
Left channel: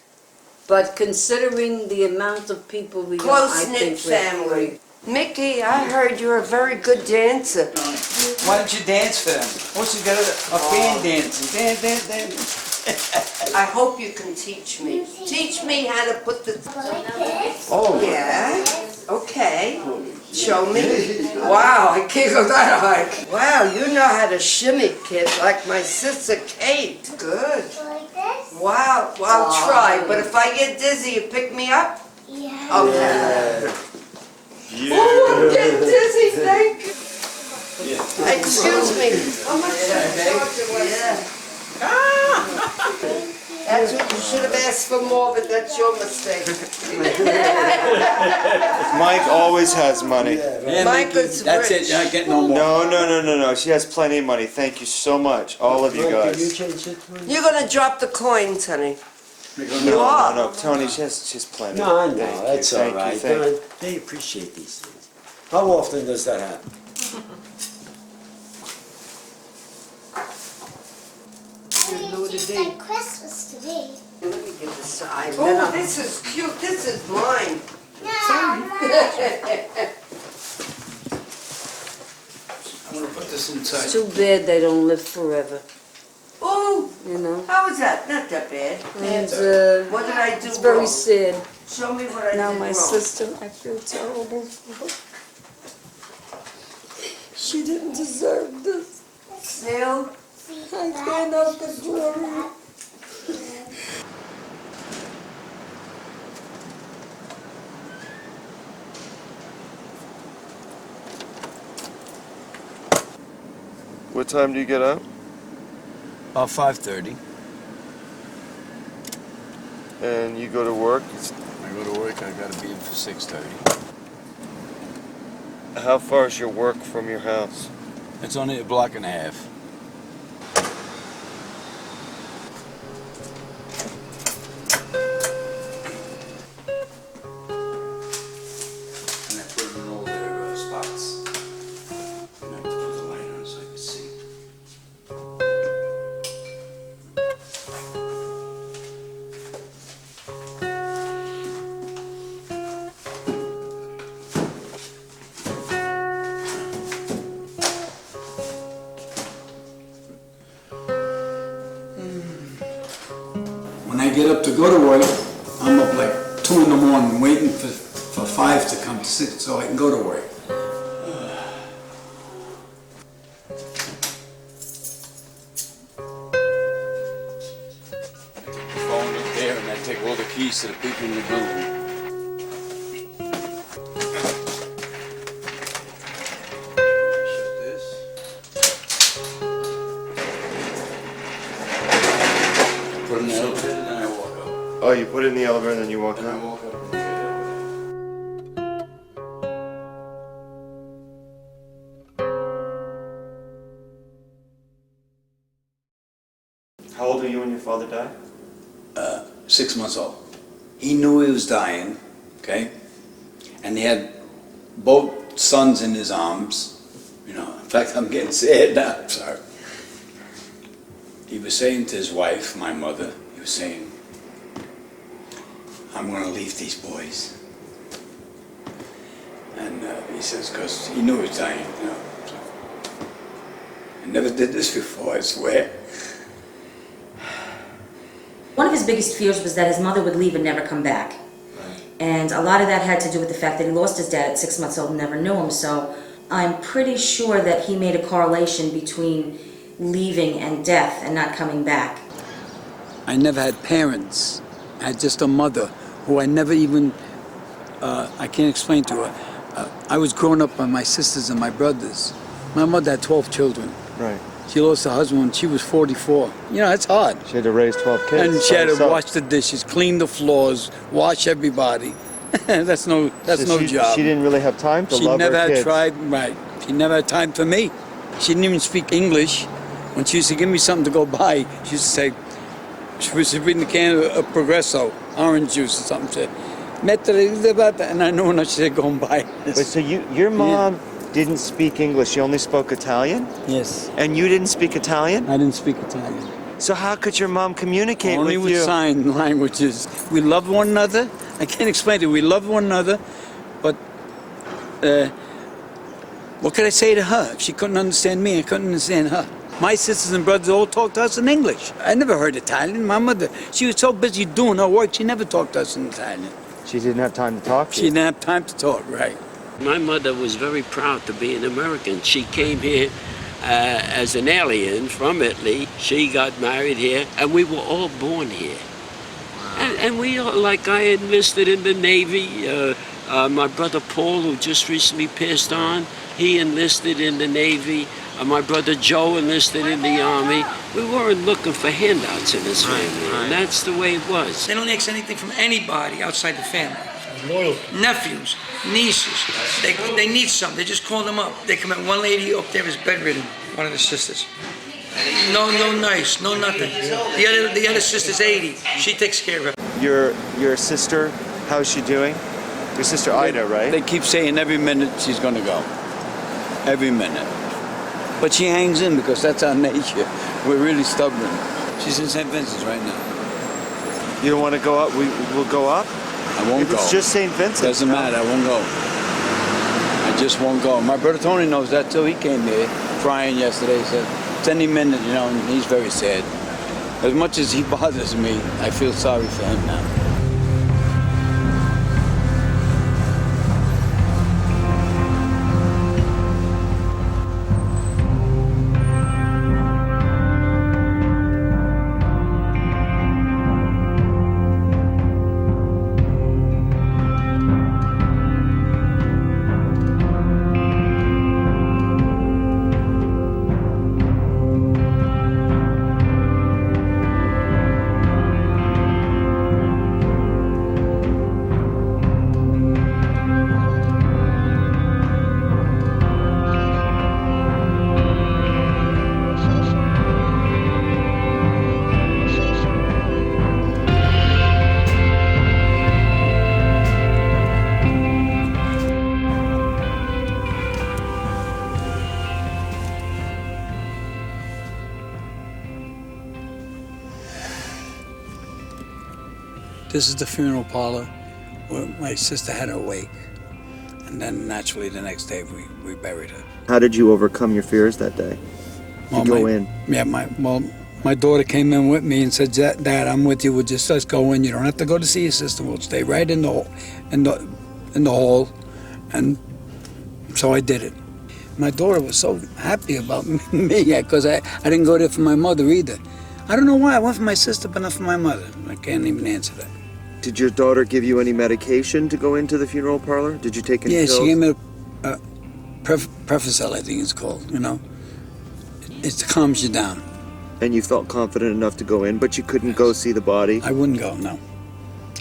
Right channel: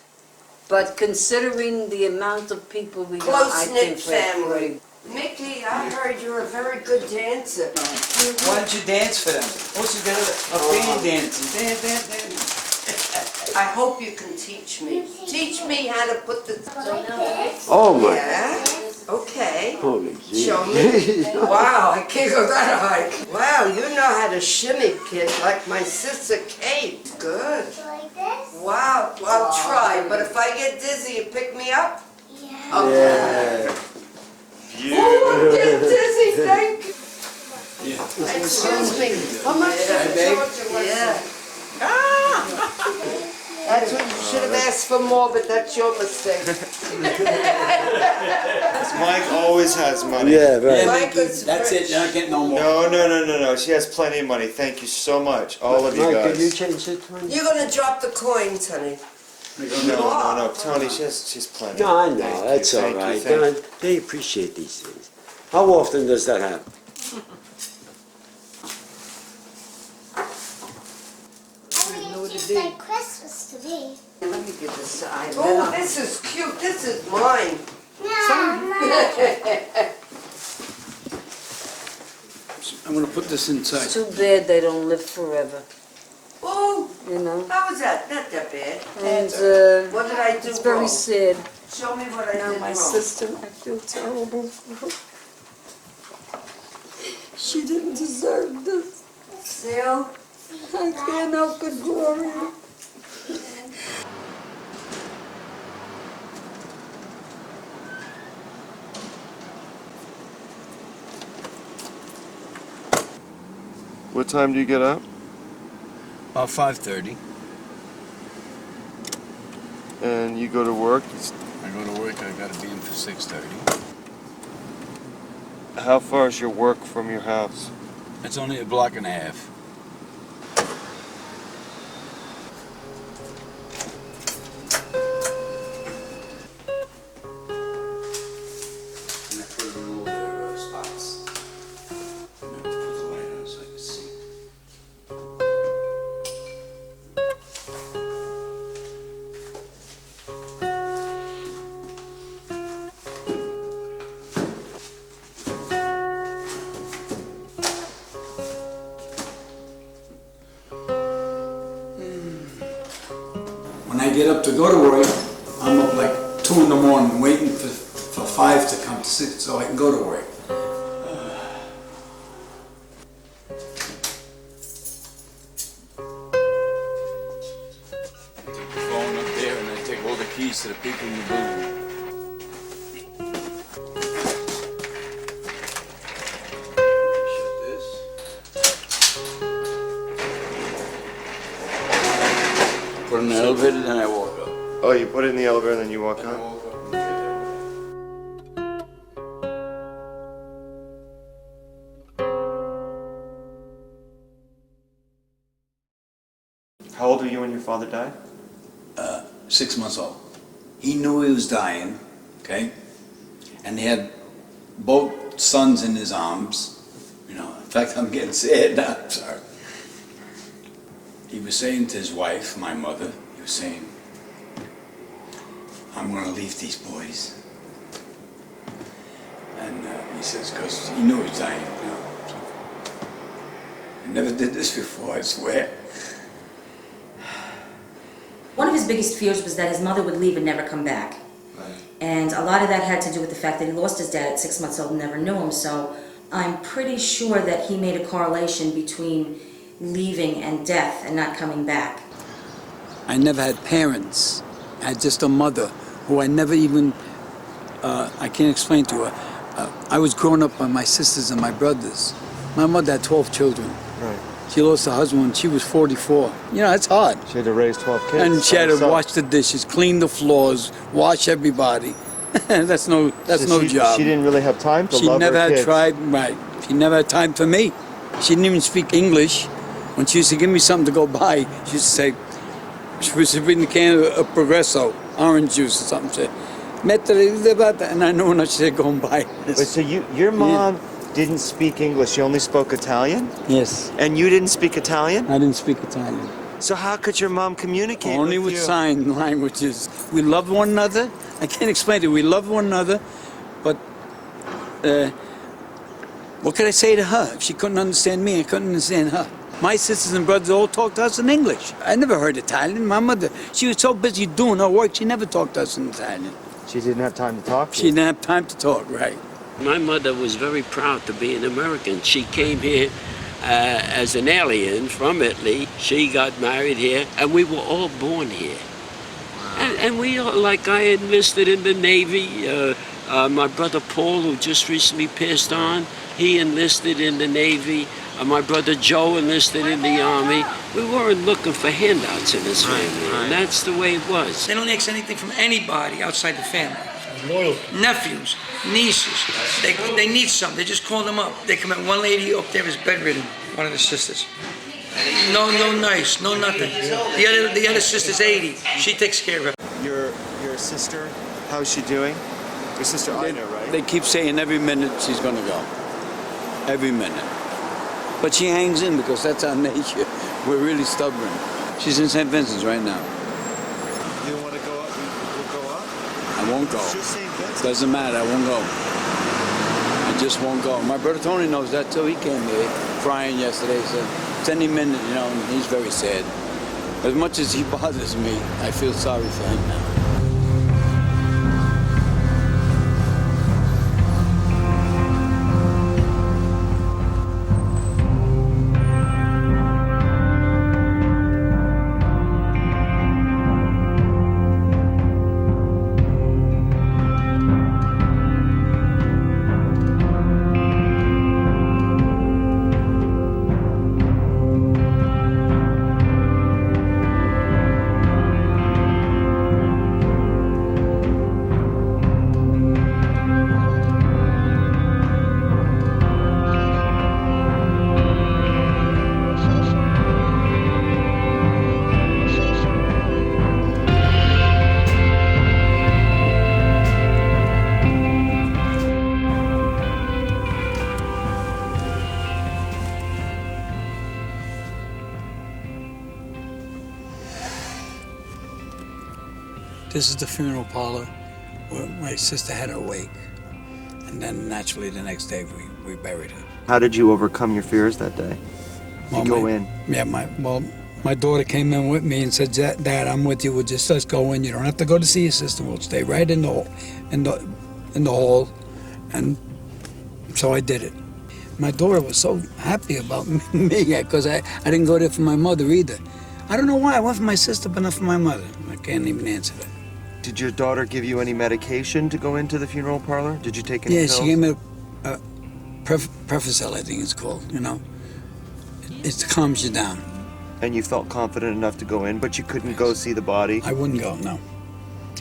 but considering the amount of people we are, I Close-knit think we're family. great. Mickey, I heard you're a very good dancer. Why don't you dance for them? What's you got a band dancing? Dance. I hope you can teach me. Teach me how to put the... Oh my. Yeah? Okay. Show me. Wow, I can't go that high. Wow, you know how to shimmy, kid, like my sister Kate. Good. Wow, well, I'll try, but if I get dizzy, you pick me up? Yeah. Okay. Oh, I'm getting dizzy, thank you. Excuse me. How much? Yeah. That's what you should have asked for more, but that's your mistake. Mike always has money. Yeah, right. Mike is That's it, rich. you're not getting no more. No. She has plenty of money. Thank you so much, all of you Mike, have you guys. changed it, Tony? You're gonna drop the coins, honey. No. Tony, she's plenty. No, I know. Thank you, That's all thank you, right. thank you. They appreciate these things. How often does that happen? It's like Christmas to me. Let me give this eye. Oh, this is cute. This is mine. I'm gonna put this It's inside. too bad they don't live forever, Oh, you know? how was that? Not that bad. And, What did I do it's very wrong? sad. Show me what I Now did my wrong. sister, I feel terrible. She didn't deserve this. Still? I can't help it, Gloria. What time do you get out? About 5:30. And you go to work? I go to work, I gotta be in for 6:30. How far is your work from your house? It's only a block and a half. When I get up to go to work, I'm up like 2 in the morning waiting for 5 to come to 6 so I can go to work. Going up there and I take all the keys to the people in the building. Put in the elevator, then I walk up. Oh, you put it in the elevator and then you walk up? How old were you when your father died? 6 months old. He knew he was dying, okay? And he had both sons in his arms. You know, in fact, I'm getting sad now, I'm sorry. He was saying to his wife, my mother, he was saying, I'm gonna leave these boys. And he says, because he knew he was dying, you know. So, I never did this before, I swear. One of his biggest fears was that his mother would leave and never come back. And a lot of that had to do with the fact that he lost his dad at 6 months old and never knew him. So I'm pretty sure that he made a correlation between leaving and death and not coming back. I never had parents. I had just a mother who I never even, I can't explain to her. I was grown up by my sisters and my brothers. My mother had 12 children. Right. She lost her husband when she was 44. You know, that's hard. She had to raise 12 kids. And she had to So- wash the dishes, clean the floors, wash everybody. that's no So job. She didn't really have time to She love never her had kids. tried, right. She never had time for me. She didn't even speak English. When she used to give me something to go buy, she used to say, she was reading the can of Progresso, orange juice or something. She said, and I knew when she said, go and buy it. Wait, so your mom didn't speak English, she only spoke Italian? Yes. And you didn't speak Italian? I didn't speak Italian. So how could your mom communicate Only with you? with sign languages. We love one another. I can't explain it. We love one another, but what could I say to her? If she couldn't understand me, I couldn't understand her. My sisters and brothers all talked to us in English. I never heard Italian. My mother, she was so busy doing her work, she never talked to us in Italian. She didn't have time to talk to She didn't have time to talk, right. My mother was very proud to be an American. She came here as an alien from Italy. She got married here, and we were all born here. And we, like I enlisted in the Navy. My brother Paul, who just recently passed on, he enlisted in the Navy. My brother Joe enlisted in the Army. We weren't looking for handouts in this family, and that's the way it was. They don't ask anything from anybody outside the family. Loyal. Nephews, nieces, they need something. They just call them up. They come in. One lady up there is bedridden, one of the sisters. No nice, no nothing. The other sister's 80. She takes care of her. Your sister, how's she doing? Your sister Ida, right? They keep saying every minute she's going to go. Every minute. But she hangs in because that's our nature. We're really stubborn. She's in St. Vincent's right now. You don't want to go up? We'll go up? I won't go. It's just St. Vincent. Doesn't matter, I won't go. I just won't go. My brother Tony knows that too. He came there crying yesterday. He said, it's any minute, you know, and he's very sad. But as much as he bothers me, I feel sorry for him now. This is the funeral parlor where my sister had her wake. And then naturally the next day we buried her. How did you overcome your fears that day? Well, go in. Yeah, my daughter came in with me and said, Dad, I'm with you. We'll just go in. You don't have to go to see your sister. We'll stay right in the hall. And so I did it. My daughter was so happy about me because I didn't go there for my mother either. I don't know why. I went for my sister, but not for my mother. I can't even answer that. Did your daughter give you any medication to go into the funeral parlor? Did you take any pills? Yeah, she gave me a Prevacel, I think it's called, you know. It calms you down. And you felt confident enough to go in, but you couldn't go see the body? I wouldn't go, no.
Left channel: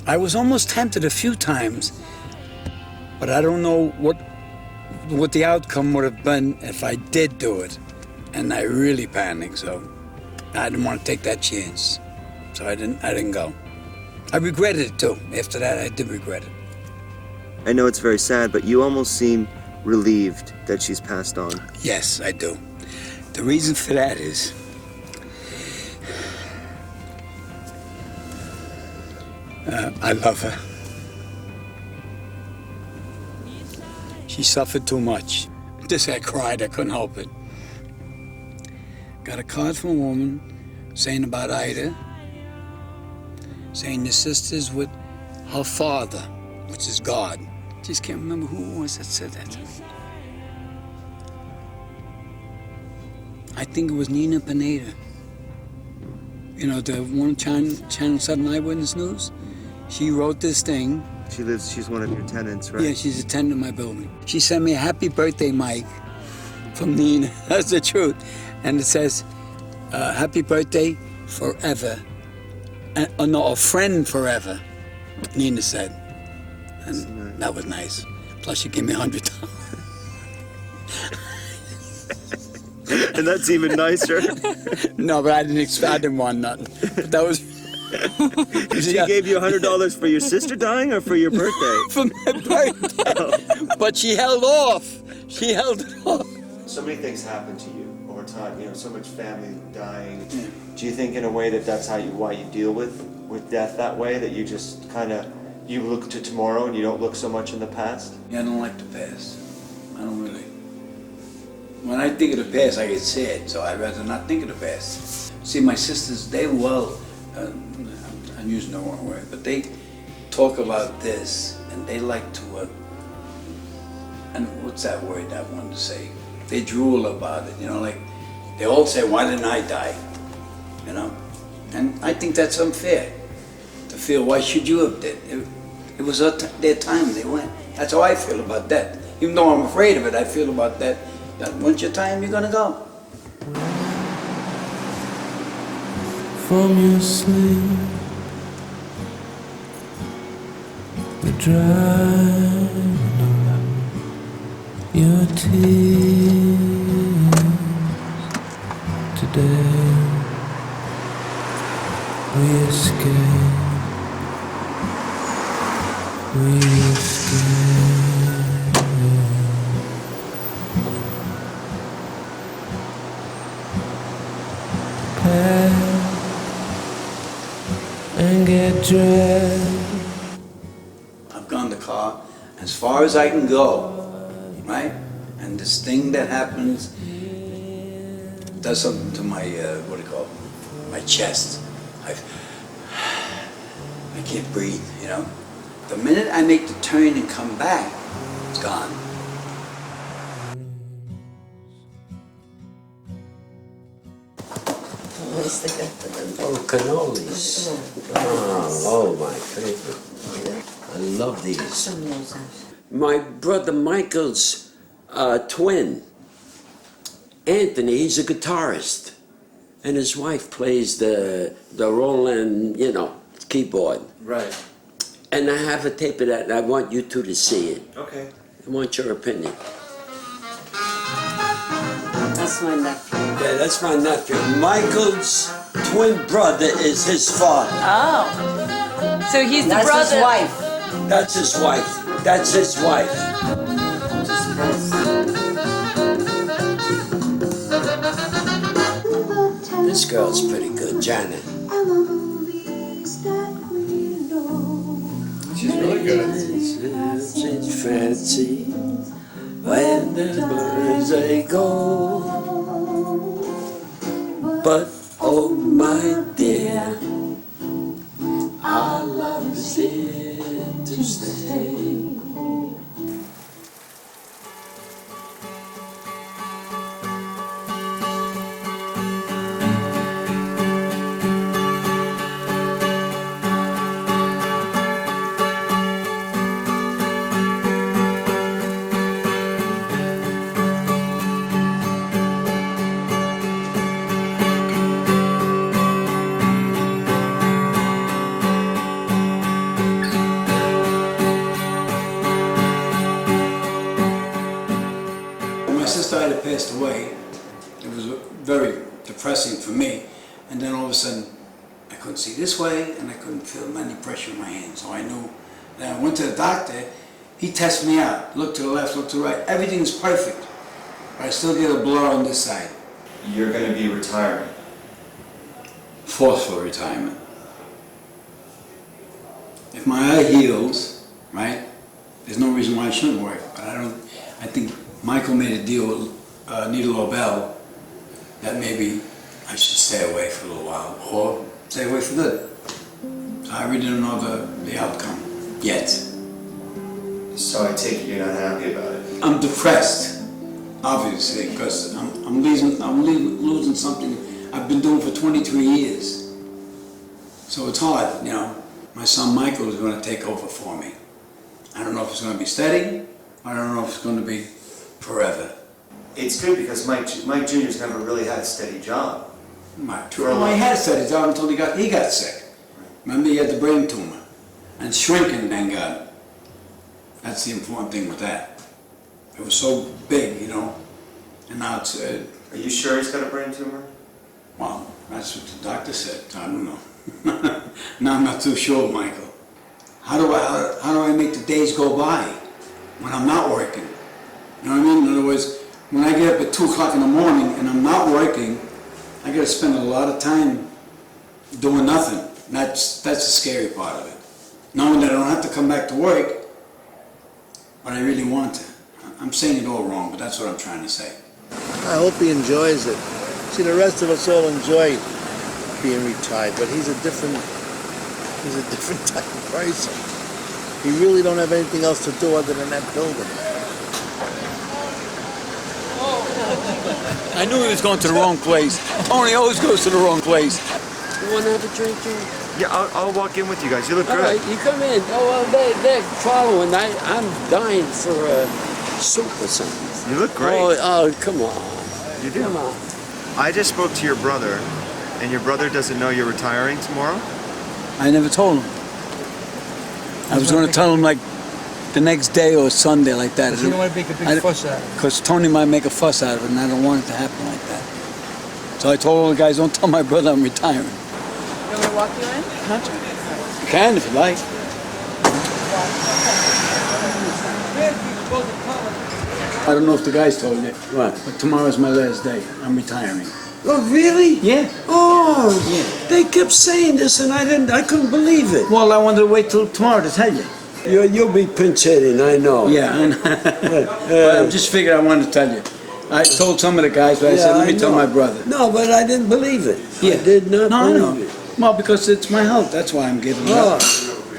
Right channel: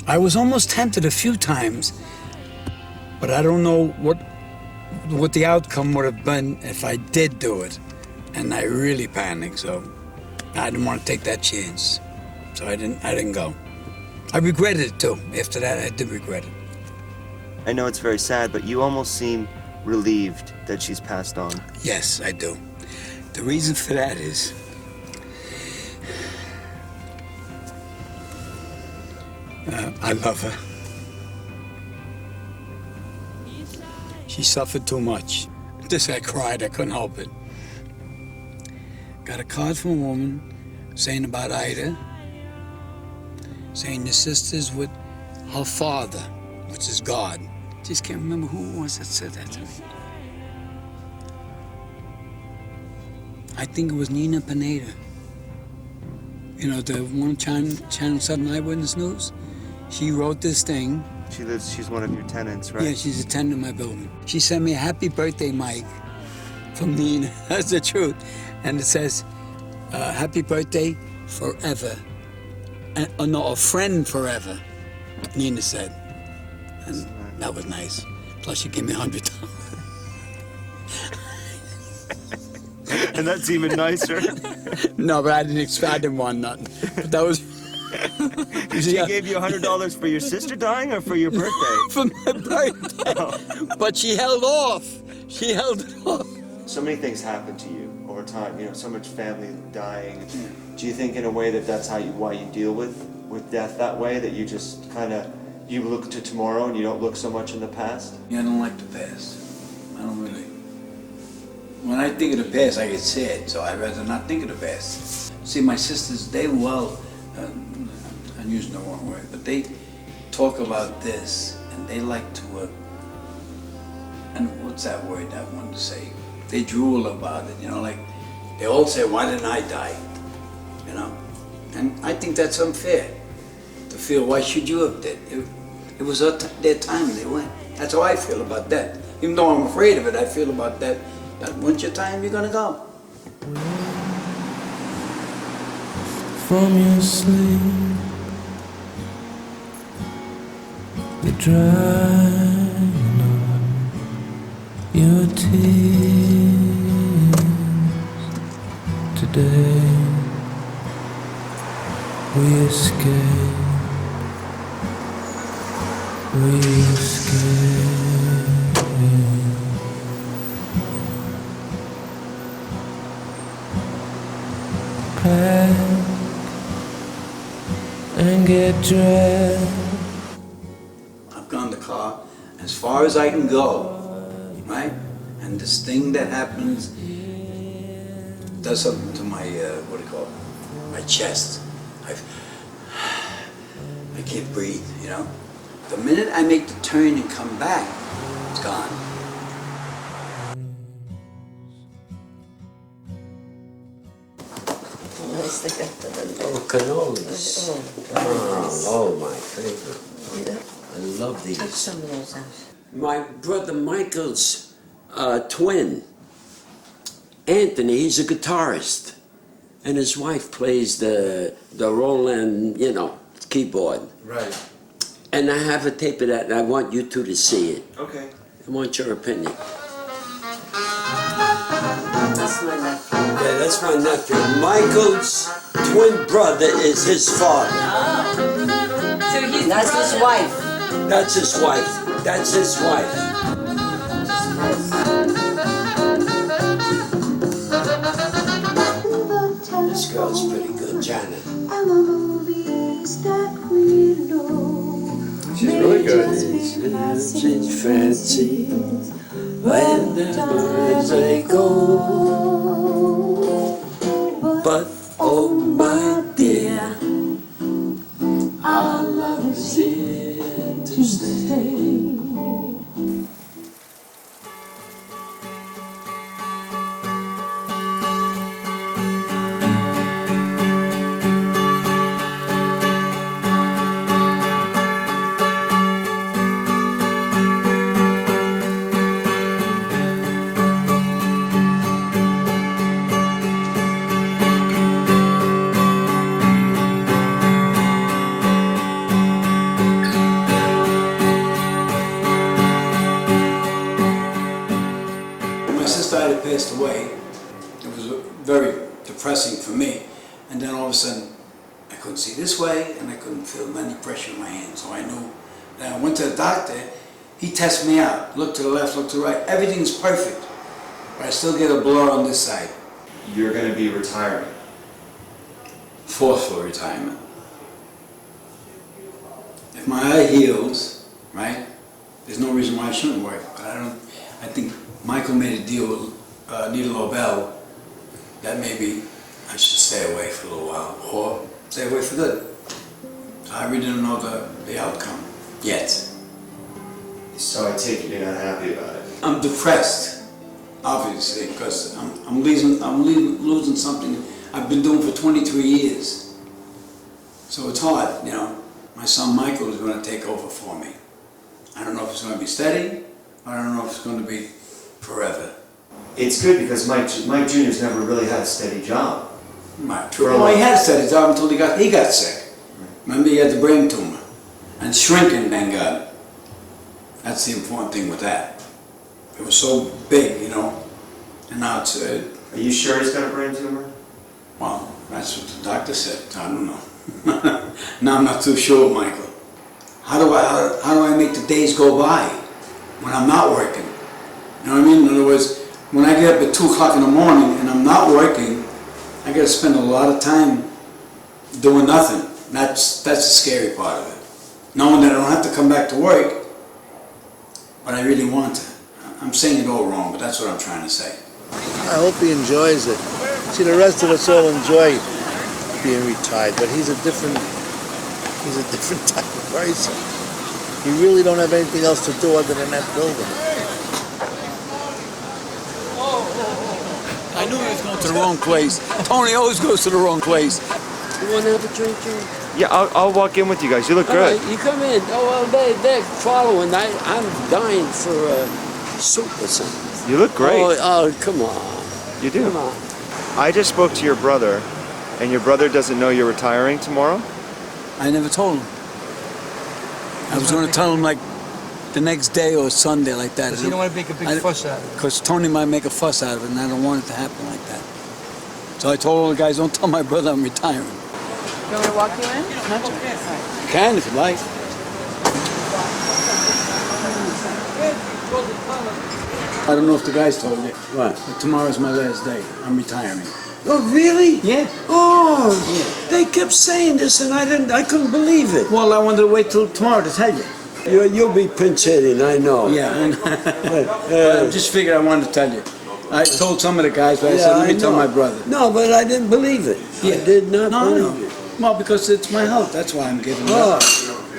I was almost tempted a few times, but I don't know what the outcome would have been if I did do it. And I really panicked, so I didn't want to take that chance. So I didn't go. I regretted it too. After that, I did regret it. I know it's very sad, but you almost seem relieved that she's passed on. Yes, I do. The reason for that is I love her. She suffered too much. Just I cried, I couldn't help it. Got a card from a woman saying about Ida, saying the sister's with her father, which is God. Just can't remember who it was that said that to me. I think it was Nina Pineda. You know, the one Channel 7 Eyewitness News? She wrote this thing. She's one of your tenants, right? Yeah, she's a tenant in my building. She sent me a happy birthday, Mike, from Nina. That's the truth. And it says, happy birthday forever. No, a friend forever, Nina said. And that was nice. Plus she gave me $100. And that's even nicer. No, but I didn't want nothing. But that was... She gave you $100 for your sister dying or for your birthday? For my birthday. But she held off. She held it off. So many things happen to you over time, you know, so much family dying. Do you think in a way that that's why you deal with death that way, that you just kind of, you look to tomorrow and you don't look so much in the past? Yeah, I don't like the past. I don't really. When I think of the past, I get sad, so I'd rather not think of the past. See, my sisters, they I'm using the wrong word, but they talk about this, and they like to, and what's that word I wanted to say? They drool about it, you know, like, they all say, why didn't I die? You know? And I think that's unfair, to feel, why should you have died? It was their time, they went. That's how I feel about that. Even though I'm afraid of it, I feel about that. Once your time, you're gonna go. from your sleep, the drying of your tears. Today we escape, we escape. Pack and get dressed. I've gone the car as far as I can go, right? And this thing that happens does something to my, what do you call it? My chest. I can't breathe, you know? The minute I make the turn and come back, it's gone. Oh, cannolis. Oh, my favorite. I love these. My brother Michael's twin, Anthony, he's a guitarist. And his wife plays the Roland, you know, keyboard. Right. And I have a tape of that, and I want you two to see it. Okay. I want your opinion. That's my nephew. Yeah, that's my nephew. Michael's twin brother is his father. Oh. So he's the That's brother. his wife. That's his wife. That's his wife. This girl's pretty good, Janet. She's really good. She's fancy when the birds they go. But oh my dear, our love is here to stay. My sister had passed away. It was very depressing for me. And then all of a sudden, I couldn't see this way, and I couldn't feel any pressure in my hands. So I knew. Then I went to the doctor. He tested me out. Looked to the left, looked to the right. Everything's perfect. But I still get a blur on this side. You're going to be retiring. Forceful retirement. If my eye heals, right, there's no reason why I shouldn't work. But I think Michael made a deal with Nita Lobel that maybe I should stay away for a little while, or stay away for good. So I really don't know the outcome yet. So I take it you're not happy about it. I'm depressed, obviously, because I'm losing something I've been doing for 23 years. So it's hard, you know. My son Michael is going to take over for me. I don't know if it's going to be steady, or I don't know if it's going to be forever. It's good because Mike Jr.'s never really had a steady job. Well, he had a steady job until he got sick. Remember, he had the brain tumor. And shrinking, thank God. That's the important thing with that. It was so big, you know, and now it's... Are you sure he's got a brain tumor? Well, that's what the doctor said. I don't know. No, I'm not too sure, Michael. How do I make the days go by when I'm not working? You know what I mean? In other words, when I get up at 2 o'clock in the morning and I'm not working, I got to spend a lot of time doing nothing. That's the scary part of it. Knowing that I don't have to come back to work, but I really want to. I'm saying it all wrong, but that's what I'm trying to say. I hope he enjoys it. See, the rest of us all enjoy being retired, but he's a different type of person. You really don't have anything else to do other than that building. I knew he was going to the wrong place. Tony always goes to the wrong place. You want to have a drink, Joe? Yeah, I'll walk in with you guys. You look All good. right, you come in. Oh, well, they're following. I'm dying for soup or something. You look great. Oh, come on. You do. Come on. I just spoke to your brother, and your brother doesn't know you're retiring tomorrow? I never told him. I was going to tell him like the next day or Sunday like that. You don't want to make a big fuss out of it. Because Tony might make a fuss out of it, and I don't want it to happen like that. So I told all the guys, don't tell my brother I'm retiring. You want to walk him in? You can if you like. I don't know if the guys told you. What? But tomorrow's my last day. I'm retiring. Oh, really? Yeah. Oh, they kept saying this and I couldn't believe it. Well, I wanted to wait till tomorrow to tell you. You'll be pinch hitting, I know. Yeah, I know. But I just figured I wanted to tell you. I told some of the guys, but I said, let me tell my brother. No, but I didn't believe it. Yeah. I did not believe it. Well, because it's my health. That's why I'm giving it up.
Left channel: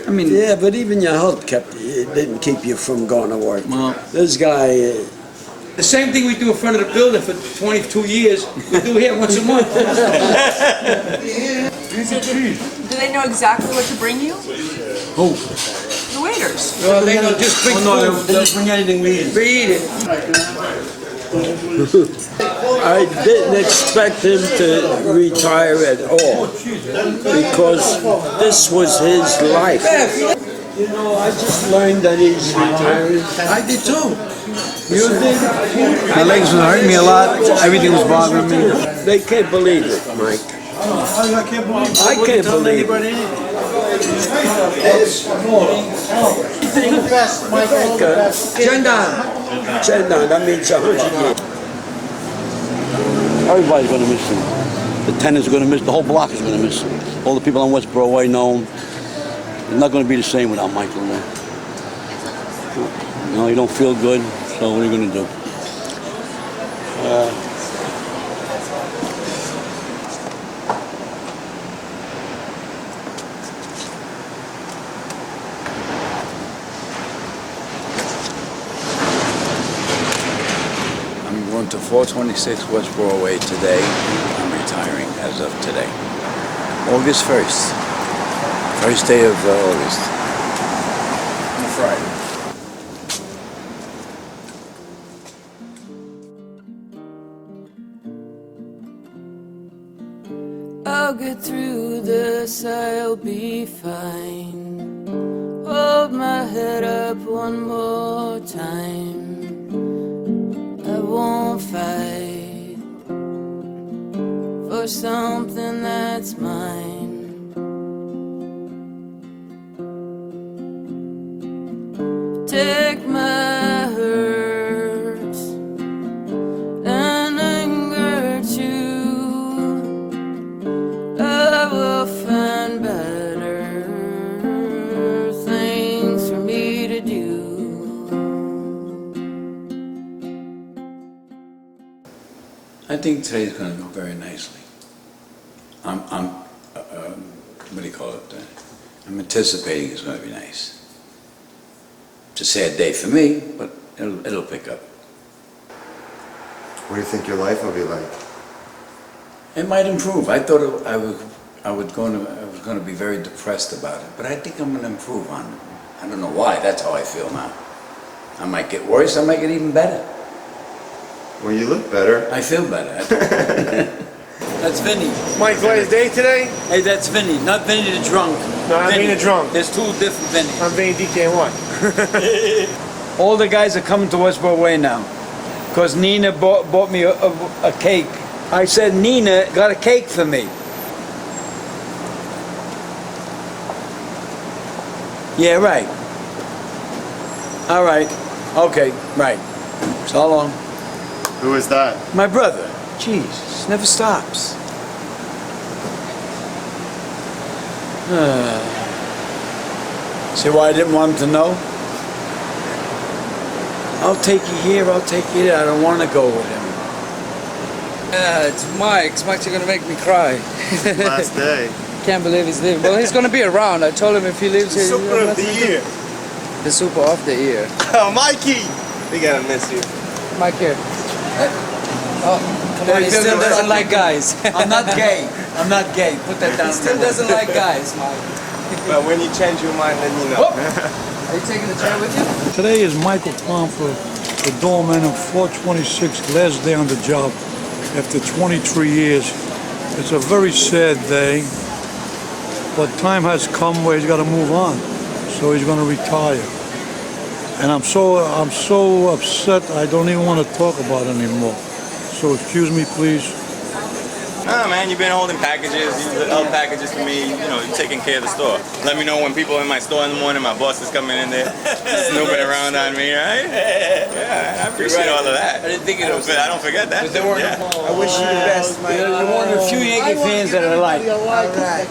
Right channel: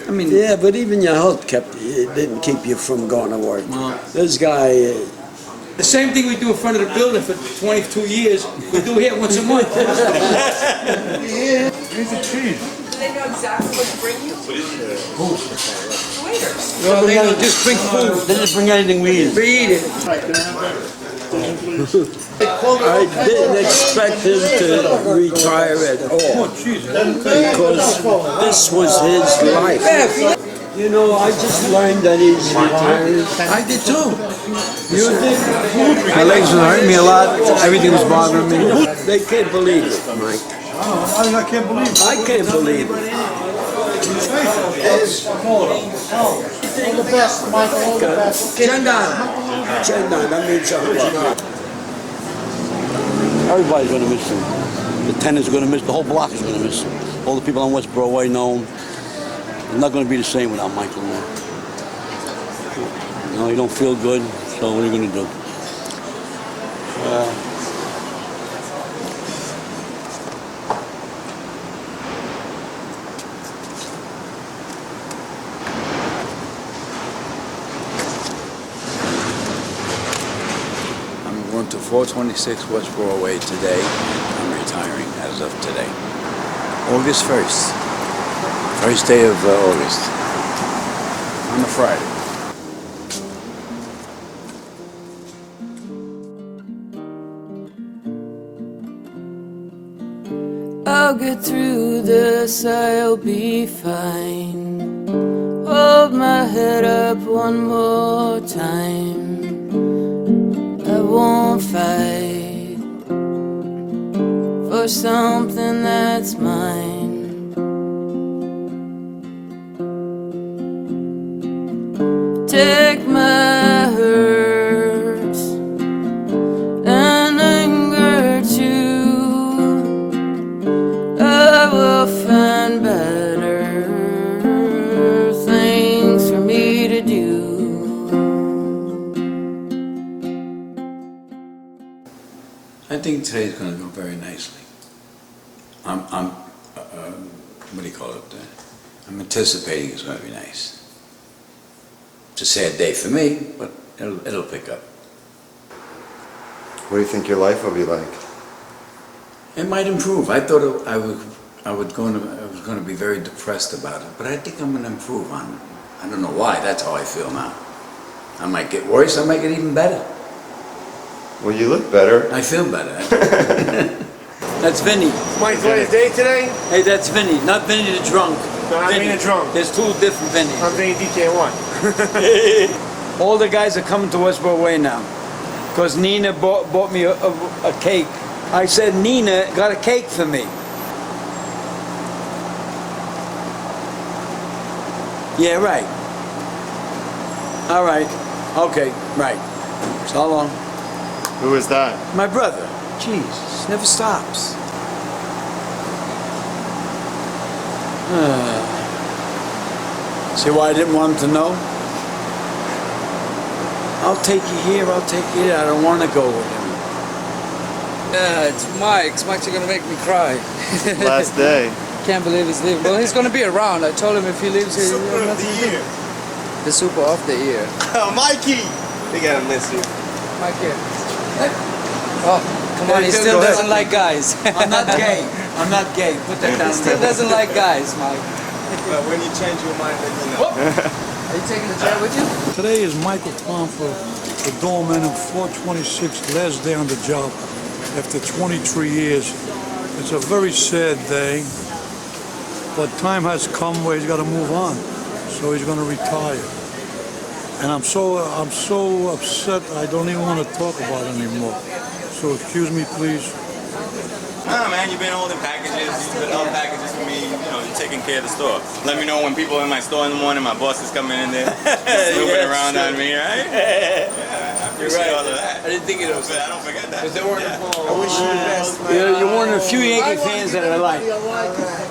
I mean, yeah, but even your health didn't keep you from going to work. Well, this guy. The same thing we do in front of the building for 22 years, we do here once a month. Do they know exactly what to bring you? Who? The waiters. No, they don't just bring food. They didn't bring anything we eat. We eat it. I didn't expect him to retire at all because this was his life. You know, I just learned that he's retiring. I did too. You did? My legs were hurting me a lot. Everything was bothering me. They can't believe it, Mike. I can't believe it. Chendan, that means 100 years. Everybody's going to miss him. The tenants are going to miss, the whole block is going to miss him. All the people on West Broadway know him. It's not going to be the same without Michael. You know, you don't feel good, so what are you going to do? I'm going to 426 West Broadway today. I'm retiring as of today. August 1st. First day of August. On a Friday. I'll get through this, I'll be fine. Hold my head up one more time. I won't fight for something that's mine. Take my hurts and anger too. I will find better things for me to do. I think today's going to go very nicely. What do you call it? I'm anticipating it's going to be nice. It's a sad day for me, but it'll pick up. What do you think your life will be like? It might improve. I thought I was going to be very depressed about it, but I think I'm going to improve on it. I don't know why. That's how I feel now. I might get worse. I might get even better. Well, you look better. I feel better. That's Vinny. Mike's last day today? Hey, that's Vinny. Not Vinny the drunk. No, I'm Vinny the drunk. There's two different Vinny. I'm Vinny DJ1. All the guys are coming to West Broadway now. Because Nina bought me a cake. I said, Nina got a cake for me. Yeah, right. All right. Okay, right. So long. Who is that? My brother. Jeez, never stops. See why I didn't want him to know? I'll take you here, I'll take you there. I don't want to go with him. Yeah, it's Mike's. Mike's gonna make me cry. Last day. Can't believe he's leaving. Well, he's gonna be around. I told him if he leaves here. Super of the year. The super of the year. Oh, Mikey! We're gonna miss you. Mike here. Oh, come on, he still doesn't like guys. I'm not gay. I'm not gay. Put that down. He still doesn't like guys, Mike. But when you change your mind, let me know. Are you taking the chair with you? Today is Michael Pompa, the doorman of 426, last day on the job. after 23 years. It's a very sad day, but time has come where he's got to move on. So he's going to retire. And I'm so upset I don't even want to talk about it anymore. So excuse me, please. Nah, man, you've been holding packages, you've been holding packages for me, you know, you're taking care of the store. Let me know when people are in my store in the morning, my boss is coming in there, snooping around on me, right? Yeah, I appreciate all of that. I didn't think it was. I don't forget that. Yeah. I wish you the best, man. You're one of the few Yankee fans that I like. Alright.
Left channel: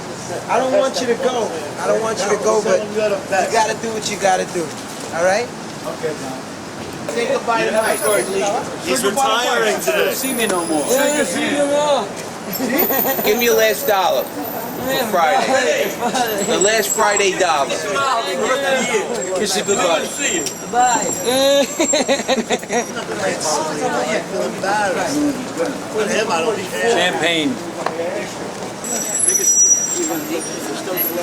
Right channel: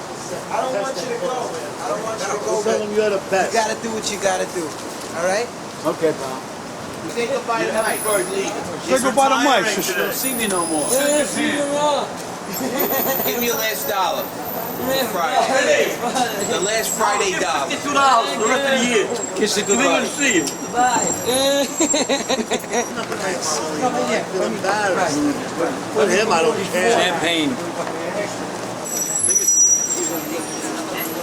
I don't want you to go. I don't want you to go, but you gotta do what you gotta do. Alright? Okay, man. Say goodbye to Mike. He's retiring today. See me no more. Yeah, see you around. Give me your last dollar. Friday. The last Friday dollar. $2 for the rest of the year. Kiss you goodbye. See you. Bye. With him, I don't care. Champagne.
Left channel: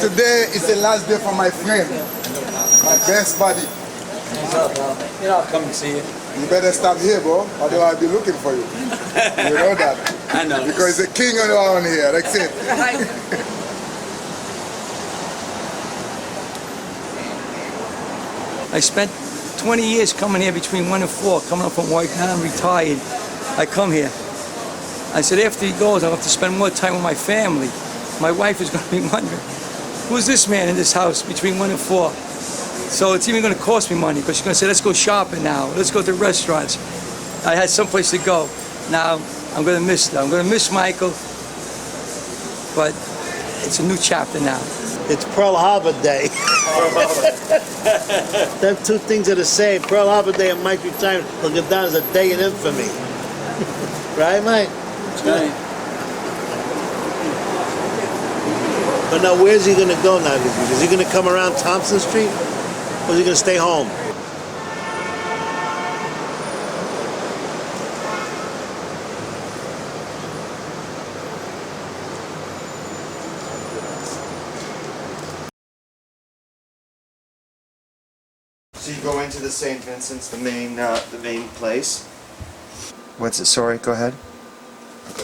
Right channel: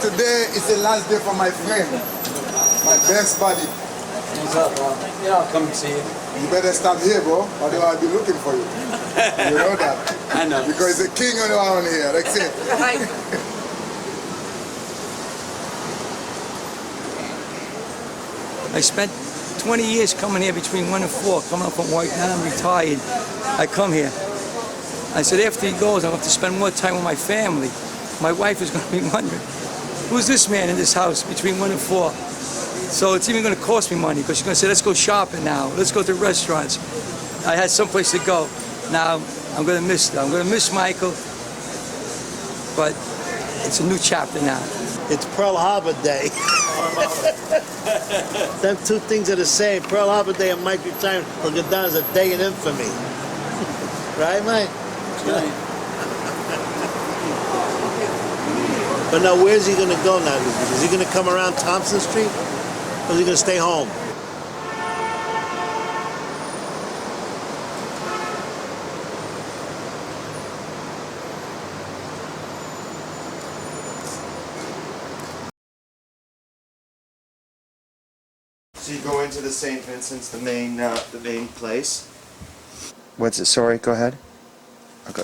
Today is the last day for my friend, my best buddy. What's up, bro? Yeah, I'll come and see you. You better stop here, bro, otherwise I'll be looking for you. You know that? I know. Because the king around here, that's it. I spent 20 years coming here between 1 and 4, coming up from work. Now I'm retired. I come here. I said, after he goes, I have to spend more time with my family. My wife is going to be wondering, who's this man in this house between 1 and 4? So it's even going to cost me money because she's going to say, let's go shopping now. Let's go to restaurants. I had someplace to go. Now I'm going to miss them. I'm going to miss Michael, but it's a new chapter now. It's Pearl Harbor Day. Them two things are the same. Pearl Harbor Day and Mike's retirement will go down as a day in infamy. Right, Mike? That's right. But now, where's he going to go now? Is he going to come around Thompson Street? Or is he going to stay home? So you go into the St. Vincent's, the main place. What's it? Sorry, go ahead. Okay.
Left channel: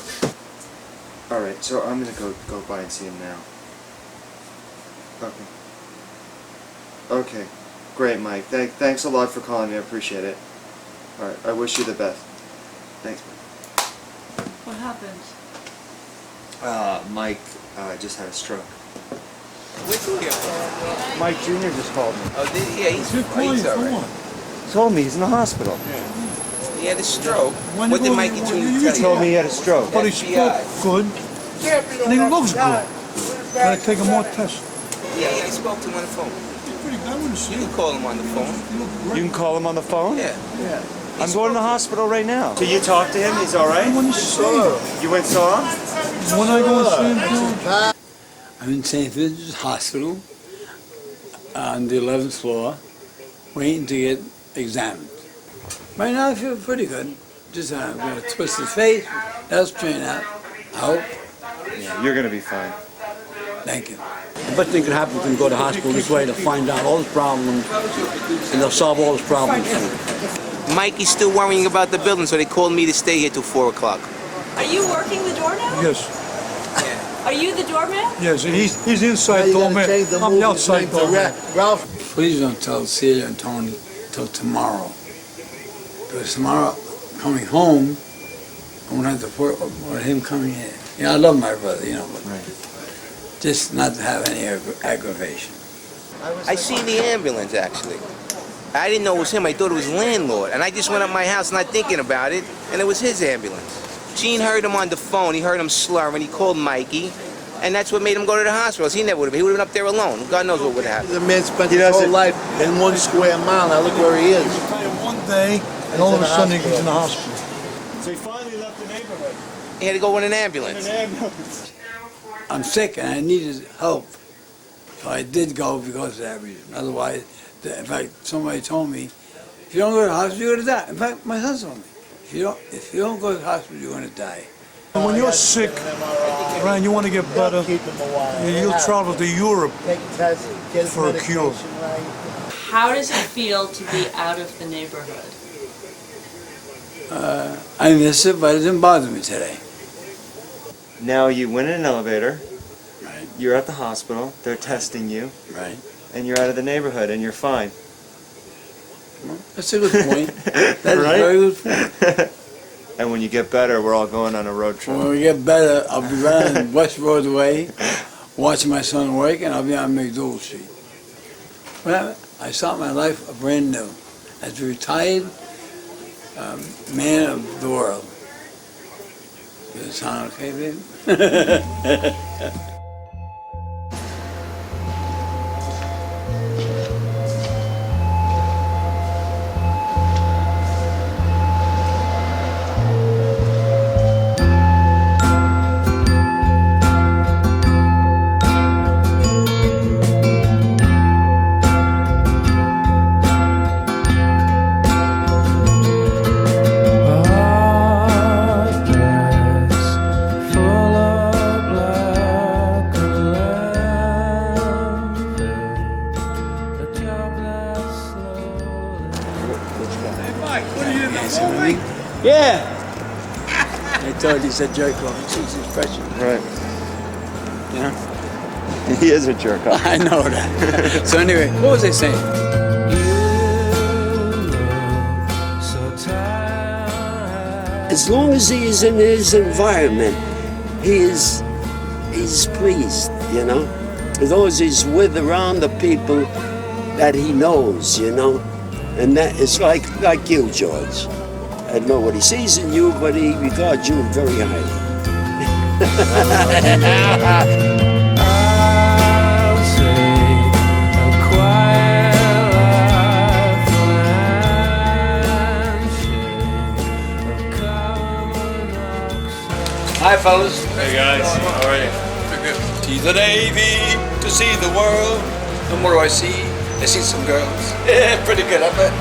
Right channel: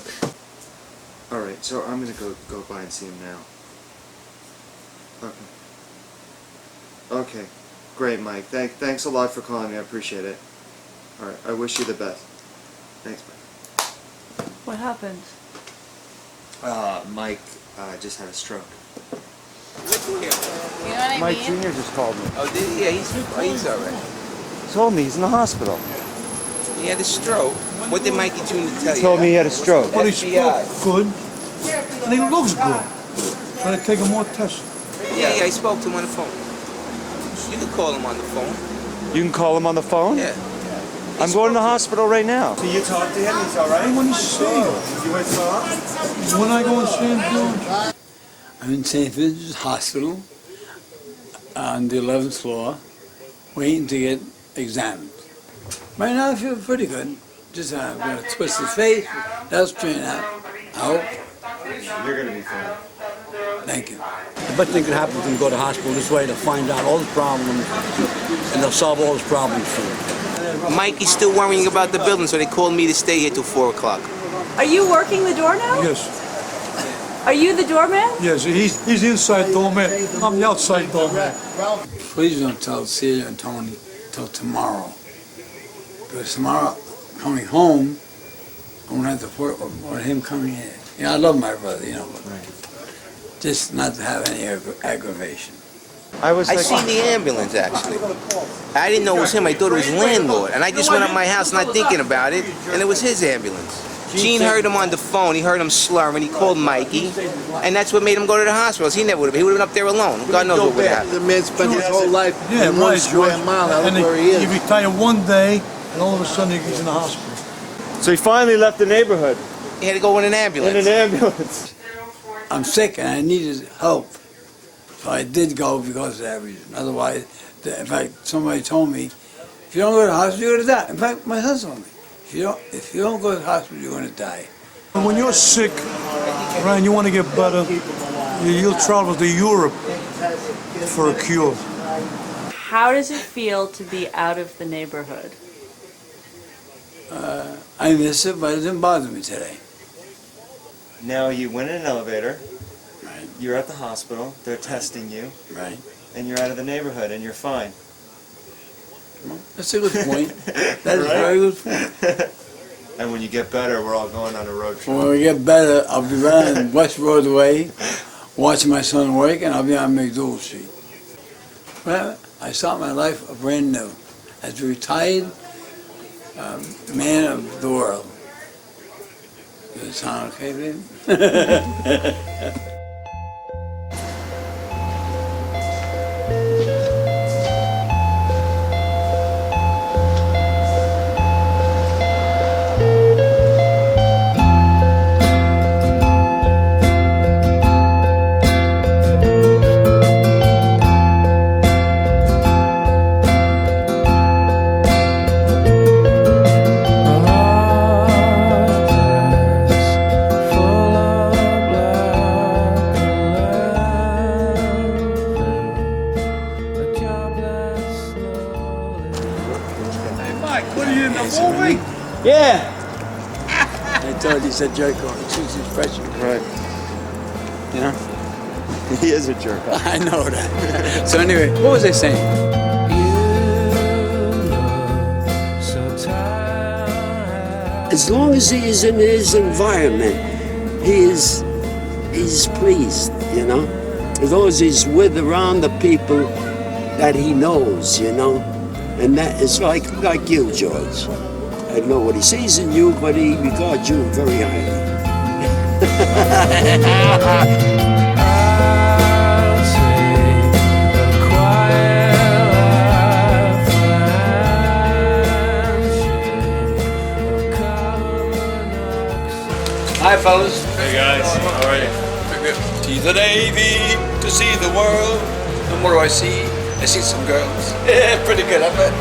All right, so I'm gonna go by and see him now. Okay. Okay, great, Mike. Thanks a lot for calling me. I appreciate it. All right, I wish you the best. Thanks. What happened? Mike just had a stroke. Which him? Mike Jr. just called me. Oh, did he? Yeah, he's alright. Told me he's in the hospital. He had a stroke. What did Mikey Jr. tell you? He told me he had a stroke. But he FBI. spoke good. And he looks good. Gotta take him more tests. Yeah, I spoke to him on the phone. You can call him on the phone. You can call him on the phone? Yeah. I'm going to the hospital right now. So you talked to him? He's all right? I want to see him. You went saw him? When I go and see him, I'm in St. Vincent's Hospital on the 11th floor, waiting to get examined. Right now I feel pretty good. Just I've got a twisted face. That's straightened out. I hope. You're going to be fine. Thank you. The best thing can happen is to go to the hospital this way to find out all his problems, and they'll solve all his problems. Mikey's still worrying about the building, so they called me to stay here till 4 o'clock. Are you working the door now? yes. Are you the doorman? Yes, he's the inside doorman. I'm the outside doorman. Please don't tell Celia and Tony till tomorrow. Because tomorrow, coming home, I won't have to put him coming here. You know, I love my brother, you know, but just not to have any aggravation. I seen the ambulance, actually. I didn't know it was him. I thought it was landlord. And I just went up my house not thinking about it, and it was his ambulance. Gene heard him on the phone. He heard him slurring. He called Mikey, and that's what made him go to the hospital. He never would have. He would have been up there alone. God knows what would happen. The man spent his whole life in 1 square mile. Now look where he is. He retired one day, and all of a sudden he's in the hospital. So he finally left the neighborhood. He had to go in an ambulance. In an ambulance. I'm sick and I needed help. So I did go because of that reason. Otherwise, in fact, somebody told me, if you don't go to the hospital, you're going to die. In fact, my husband told me, if you don't go to the hospital, you're going to die. And when you're sick, right, and you want to get better, you'll travel to Europe for a cure. How does it feel to be out of the neighborhood? I miss it, but it didn't bother me today. Now you went in an elevator, you're at the hospital, they're testing you, Right. and you're out of the neighborhood and you're fine. That's a good point. That's a Right? very good point. And when you get better, we're all going on a road trip. When we get better, I'll be right on West Broadway, watching my son work, and I'll be on McDougal Street. Well, I start my life brand new as a retired man of the world. Does it sound okay, baby? Yeah. I thought he's a jerk off. He's his freshman. Right. You know? He is a jerk off. I know that. So anyway, what was I saying? As long as he's in his environment, he's pleased, you know? As long as he's with around the people that he knows, you know? And that is like you, George. I know what he sees in you, but he regards you very highly. I'll take a quiet life, handshake of carbon monoxide. Hi, fellas. Hey guys, how are you? To the Navy, to see the world. And what do I see? I see some girls. Yeah, pretty good, I bet.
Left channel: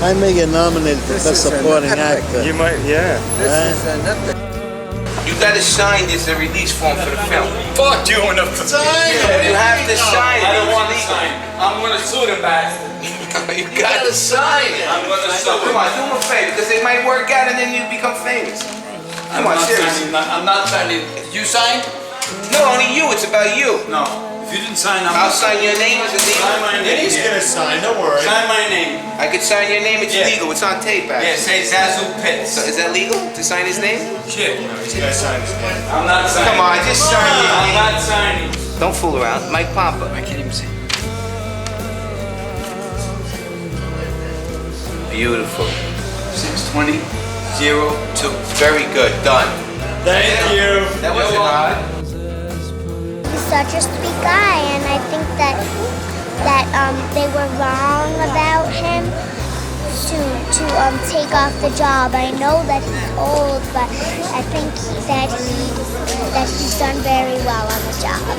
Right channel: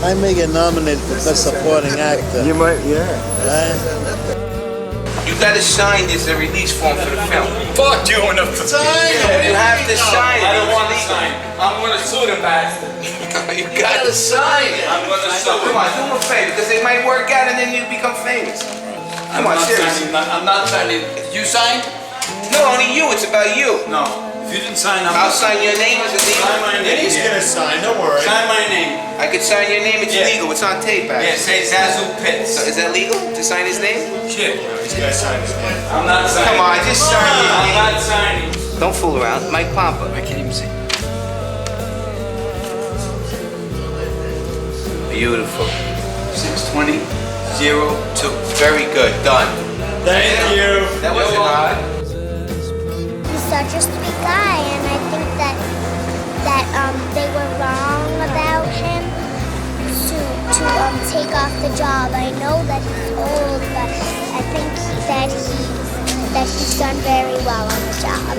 I may get nominated for supporting actor. You might, yeah. You gotta sign this a release form for the film. Fuck you enough to Sign it! You have to sign it. I don't want to sign. I'm gonna sue them bastard. You gotta sign it. I'm gonna sue Come on, do him a favor, because it might work out and then you become famous. Come on, seriously. I'm not signing. Did you sign? No, only you. It's about you. No. If you didn't sign, I'll sign your name as a legal. Sign my name. He's gonna sign, don't worry. Sign my name. I could sign your name. It's legal. It's on tape, Yeah, actually. say Zazu Pitts. So is that legal to sign his name? Shit. No, he's gonna sign his name. I'm not signing. Come on, just sign your I'm name. not signing. Don't fool around. Mike Pompa. I can't even see. Beautiful. 620-02. Very good. Done. Thank you. That wasn't hard. He's such a sweet guy, and I think that they were wrong about him to take off the job. I know that he's old, but I think that he's done very well on the job.